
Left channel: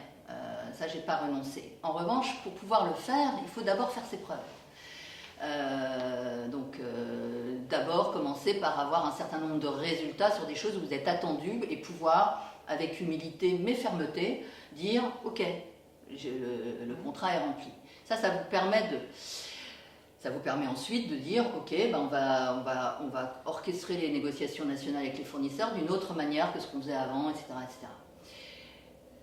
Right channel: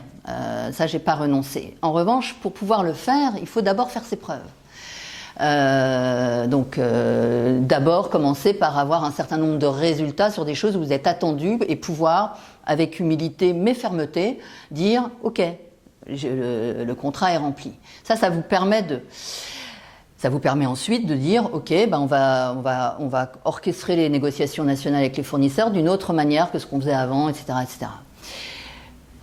Ça, j'ai pas renoncé. En revanche, pour pouvoir le faire, il faut d'abord faire ses preuves. D'abord commencer par avoir un certain nombre de résultats sur des choses où vous êtes attendu et pouvoir, avec humilité mais fermeté, dire « Ok, le contrat est rempli ». Ça vous permet ensuite de dire « Ok, ben on va orchestrer les négociations nationales avec les fournisseurs d'une autre manière que ce qu'on faisait avant, etc. etc. »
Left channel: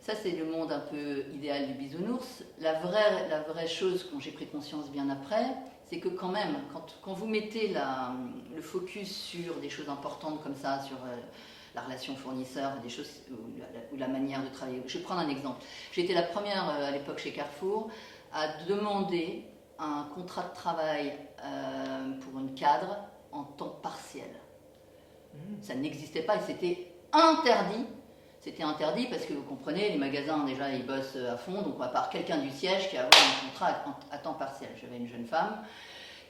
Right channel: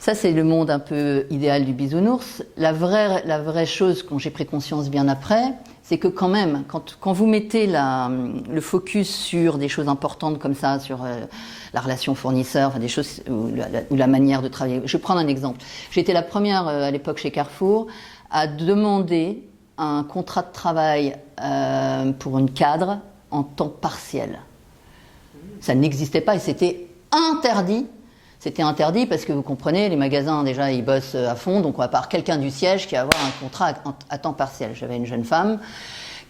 Ça, c'est le monde un peu idéal du bisounours. La vraie chose, quand j'ai pris conscience bien après, c'est que quand même, quand vous mettez le focus sur des choses importantes comme ça, sur la relation fournisseur, enfin des choses ou la manière de travailler. Je vais prendre un exemple. J'ai été la première à l'époque chez Carrefour à demander un contrat de travail pour une cadre en temps partiel. Ça n'existait pas et c'était interdit. C'était interdit parce que vous comprenez, les magasins déjà ils bossent à fond, donc on va pas avoir quelqu'un du siège qui va avoir un contrat à temps partiel. J'avais une jeune femme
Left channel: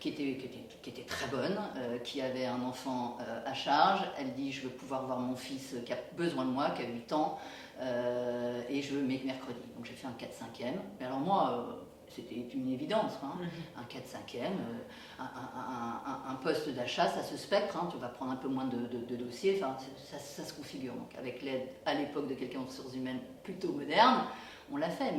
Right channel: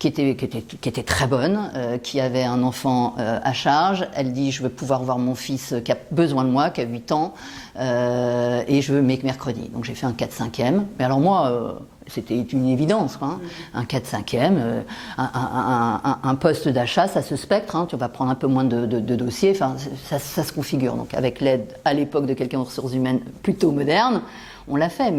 qui était très bonne, qui avait un enfant à charge. Elle dit je veux pouvoir voir mon fils qui a besoin de moi, qui a 8 ans, et je veux mercredi. Donc j'ai fait un 4/5e. Mais alors moi, c'était une évidence, quoi, hein. Un 4/5e, un poste d'achat, ça se spectre, hein, tu vas prendre un peu moins de dossiers, enfin, ça se configure. Donc avec l'aide à l'époque de quelqu'un aux ressources humaines plutôt moderne, on l'a fait.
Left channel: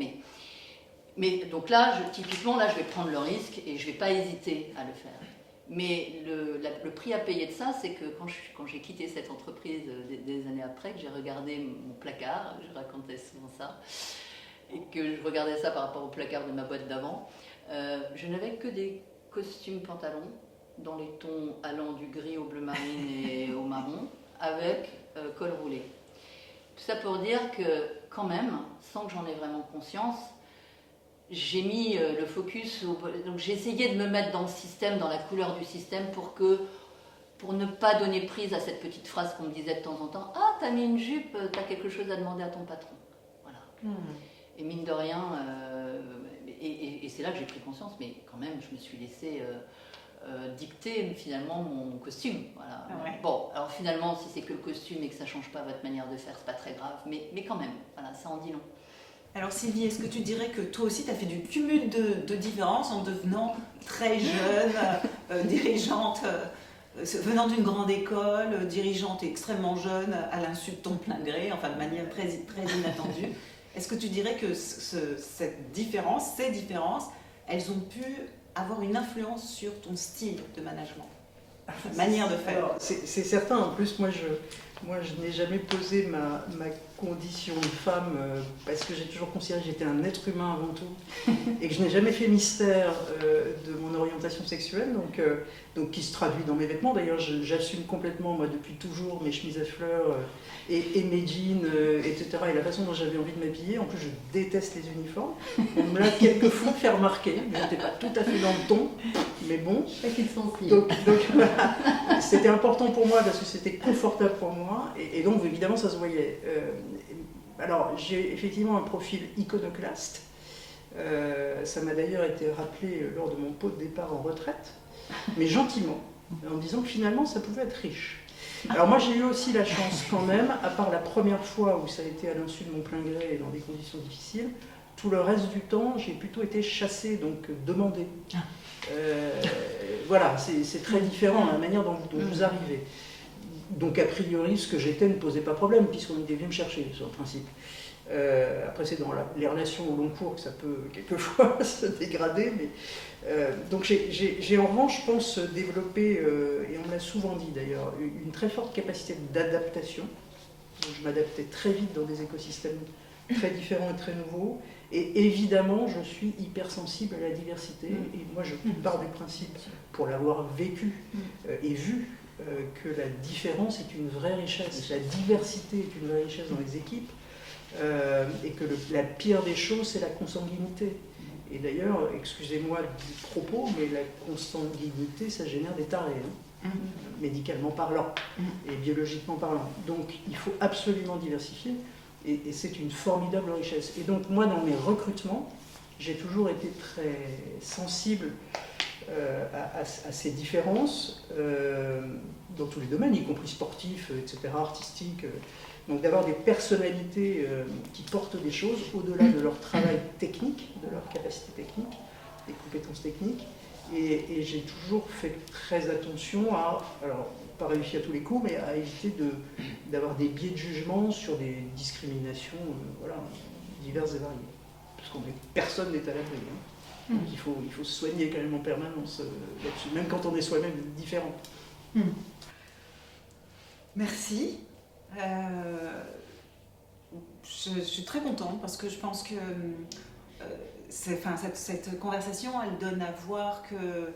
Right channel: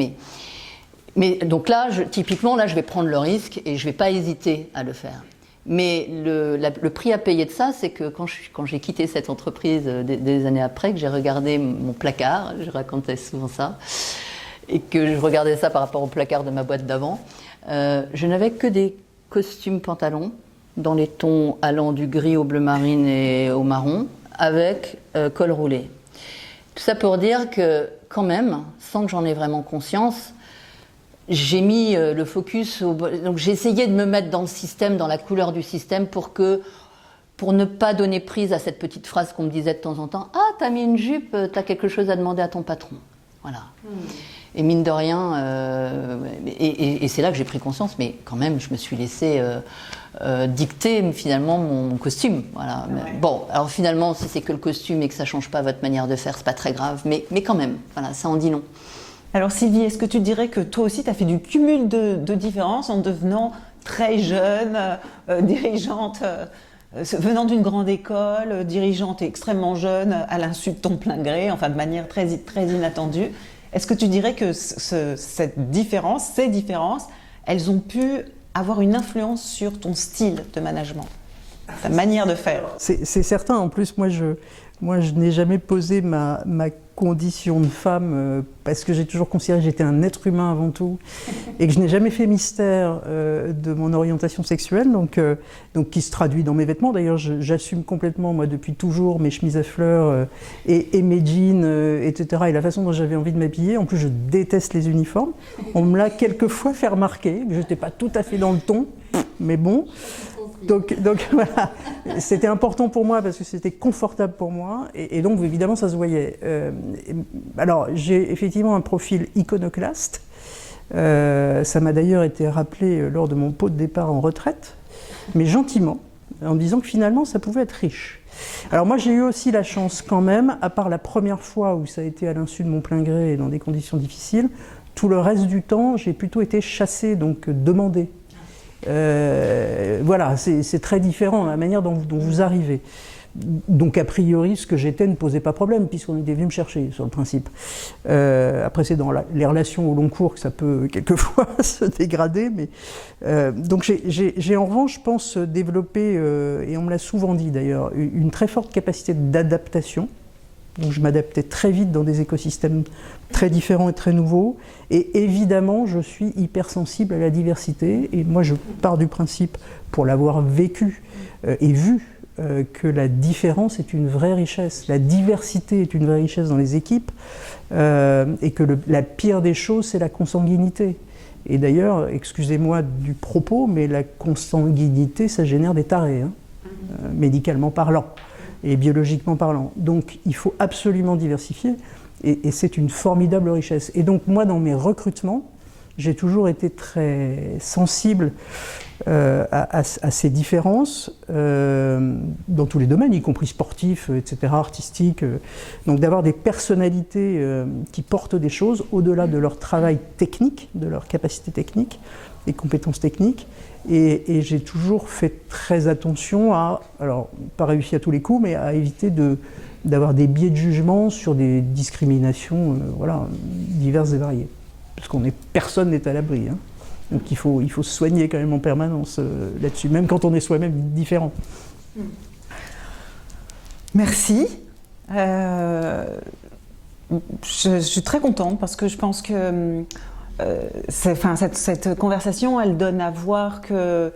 Mais donc là, typiquement, là, je vais prendre le risque et je ne vais pas hésiter à le faire. Mais le prix à payer de ça, c'est que quand j'ai quitté cette entreprise des années après, que j'ai regardé mon placard, je racontais souvent ça, et que je regardais ça par rapport au placard de ma boîte d'avant, je n'avais que des costumes pantalons dans les tons allant du gris au bleu marine et au marron, avec col roulé. Tout ça pour dire que quand même, sans que j'en ai vraiment conscience, j'ai mis le focus, donc j'ai essayé de me mettre dans le système, dans la couleur du système pour ne pas donner prise à cette petite phrase qu'on me disait de temps en temps. Ah, t'as mis une jupe, t'as quelque chose à demander à ton patron. Voilà. Et mine de rien, et c'est là que j'ai pris conscience, mais quand même, je me suis laissé dicter finalement mon costume. Voilà. Ouais. Bon, alors finalement, si c'est que le costume et que ça ne change pas votre manière de faire, c'est pas très grave, mais quand même, voilà, ça en dit long. Alors Sylvie, est-ce que tu dirais que toi aussi, tu as fait du cumul de différences en devenant très jeune, dirigeante, venant d'une grande école, dirigeante et extrêmement jeune, à l'insu de ton plein gré, enfin de manière très, très inattendue. Est-ce que tu dirais que ces différences, elles ont pu avoir une influence sur ton style de management, ta manière de faire? C'est certain. En plus, moi, je n'ai jamais posé ma condition de femme parce que j'ai toujours considéré que j'étais un être humain avant tout et que je n'ai jamais fait mystère de mon orientation sexuelle, donc qui se traduit dans mes vêtements. D'ailleurs, j'assume complètement, moi, depuis toujours, mes chemises à fleurs et mes jeans, etc. et la façon dont j'avais envie de m'habiller. En plus, je déteste les uniformes. On me l'a quelquefois fait remarquer. Je n'étais pas tout à fait dans le ton, mais bon. Donc voilà, c'était important pour moi parce que c'était confortable pour moi et donc évidemment ça se voyait. Alors j'ai effectivement un profil iconoclaste. Ça m'a d'ailleurs été rappelé lors de mon pot de départ en retraite, mais gentiment, en me disant que finalement ça pouvait être riche. Alors moi j'ai eu aussi la chance quand même, à part la première fois où ça a été à l'insu de mon plein gré et dans des conditions difficiles, tout le reste du temps j'ai plutôt été chassée, donc demandée. Voilà, c'est très différent la manière dont vous arrivez. Donc a priori ce que j'étais ne posait pas problème puisqu'on était venu me chercher sur le principe. Après c'est dans les relations au long cours que ça peut quelquefois se dégrader, mais donc j'ai en revanche je pense développé, et on me l'a souvent dit d'ailleurs, une très forte capacité d'adaptation. Donc je m'adaptais très vite dans des écosystèmes très différents et très nouveaux, et évidemment je suis hypersensible à la diversité, et moi je pars du principe, pour l'avoir vécu et vu, que la différence est une vraie richesse, la diversité est une vraie richesse dans les équipes, et que la pire des choses c'est la consanguinité. Et d'ailleurs, excusez-moi du propos, mais la consanguinité ça génère des tarés, hein, médicalement parlant et biologiquement parlant. Donc il faut absolument diversifier, et c'est une formidable richesse. Et donc moi dans mes recrutements, j'ai toujours été très sensible à ces différences dans tous les domaines, y compris sportifs, etc., artistiques. Donc d'avoir des personnalités qui portent des choses au-delà de leur travail technique, de leur capacité technique, des compétences techniques. Et j'ai toujours fait très attention à, alors pas réussi à tous les coups, mais à éviter d'avoir des biais de jugement sur des discriminations voilà, diverses et variées. Parce personne n'est à l'abri. Hein. Donc il faut se soigner quand même en permanence là-dessus, même quand on est soi-même différent. Merci. Je suis très contente parce que je pense que cette conversation, elle donne à voir que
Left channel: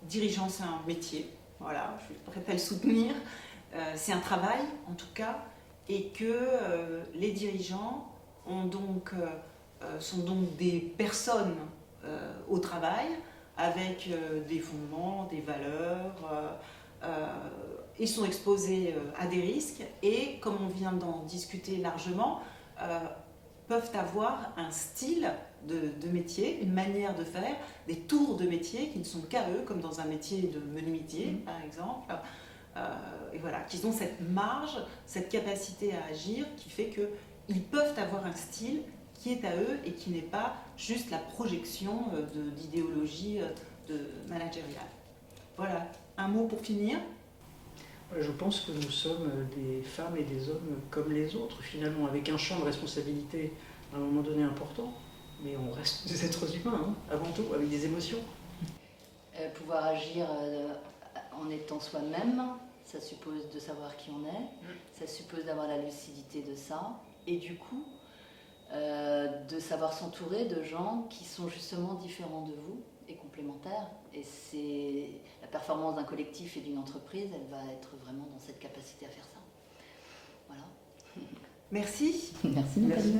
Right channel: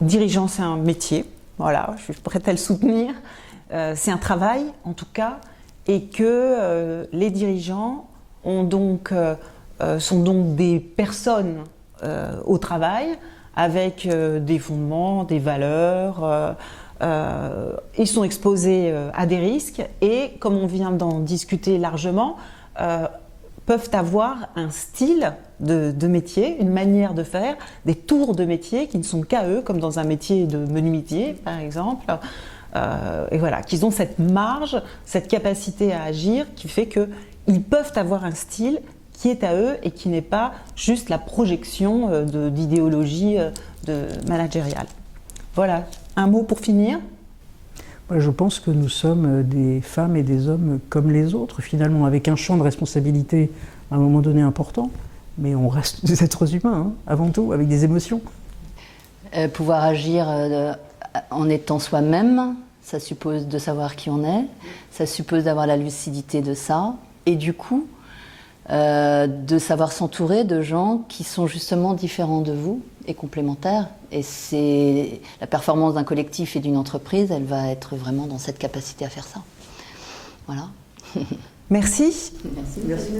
dirigeant, c'est un métier. Voilà, je suis prête à le soutenir. C'est un travail, en tout cas, et que les dirigeants sont donc des personnes au travail avec des fondements, des valeurs. Ils sont exposés à des risques et, comme on vient d'en discuter largement, peuvent avoir un style de métier, une manière de faire, des tours de métier qui ne sont qu'à eux, comme dans un métier de menuisier par exemple. Et voilà, qu'ils ont cette marge, cette capacité à agir qui fait qu'ils peuvent avoir un style qui est à eux et qui n'est pas juste la projection d'idéologie managériale. Voilà, un mot pour finir. Je pense que nous sommes des femmes et des hommes comme les autres, finalement, avec un champ de responsabilité à un moment donné important, mais on reste des êtres humains, hein, avant tout, avec des émotions. Pouvoir agir en étant soi-même, ça suppose de savoir qui on est, ça suppose d'avoir la lucidité de ça, et du coup, de savoir s'entourer de gens qui sont justement différents de vous et complémentaires. Et c'est la performance d'un collectif et d'une entreprise, elle va être vraiment dans cette capacité à faire ça. Voilà. Merci. Merci. Merci.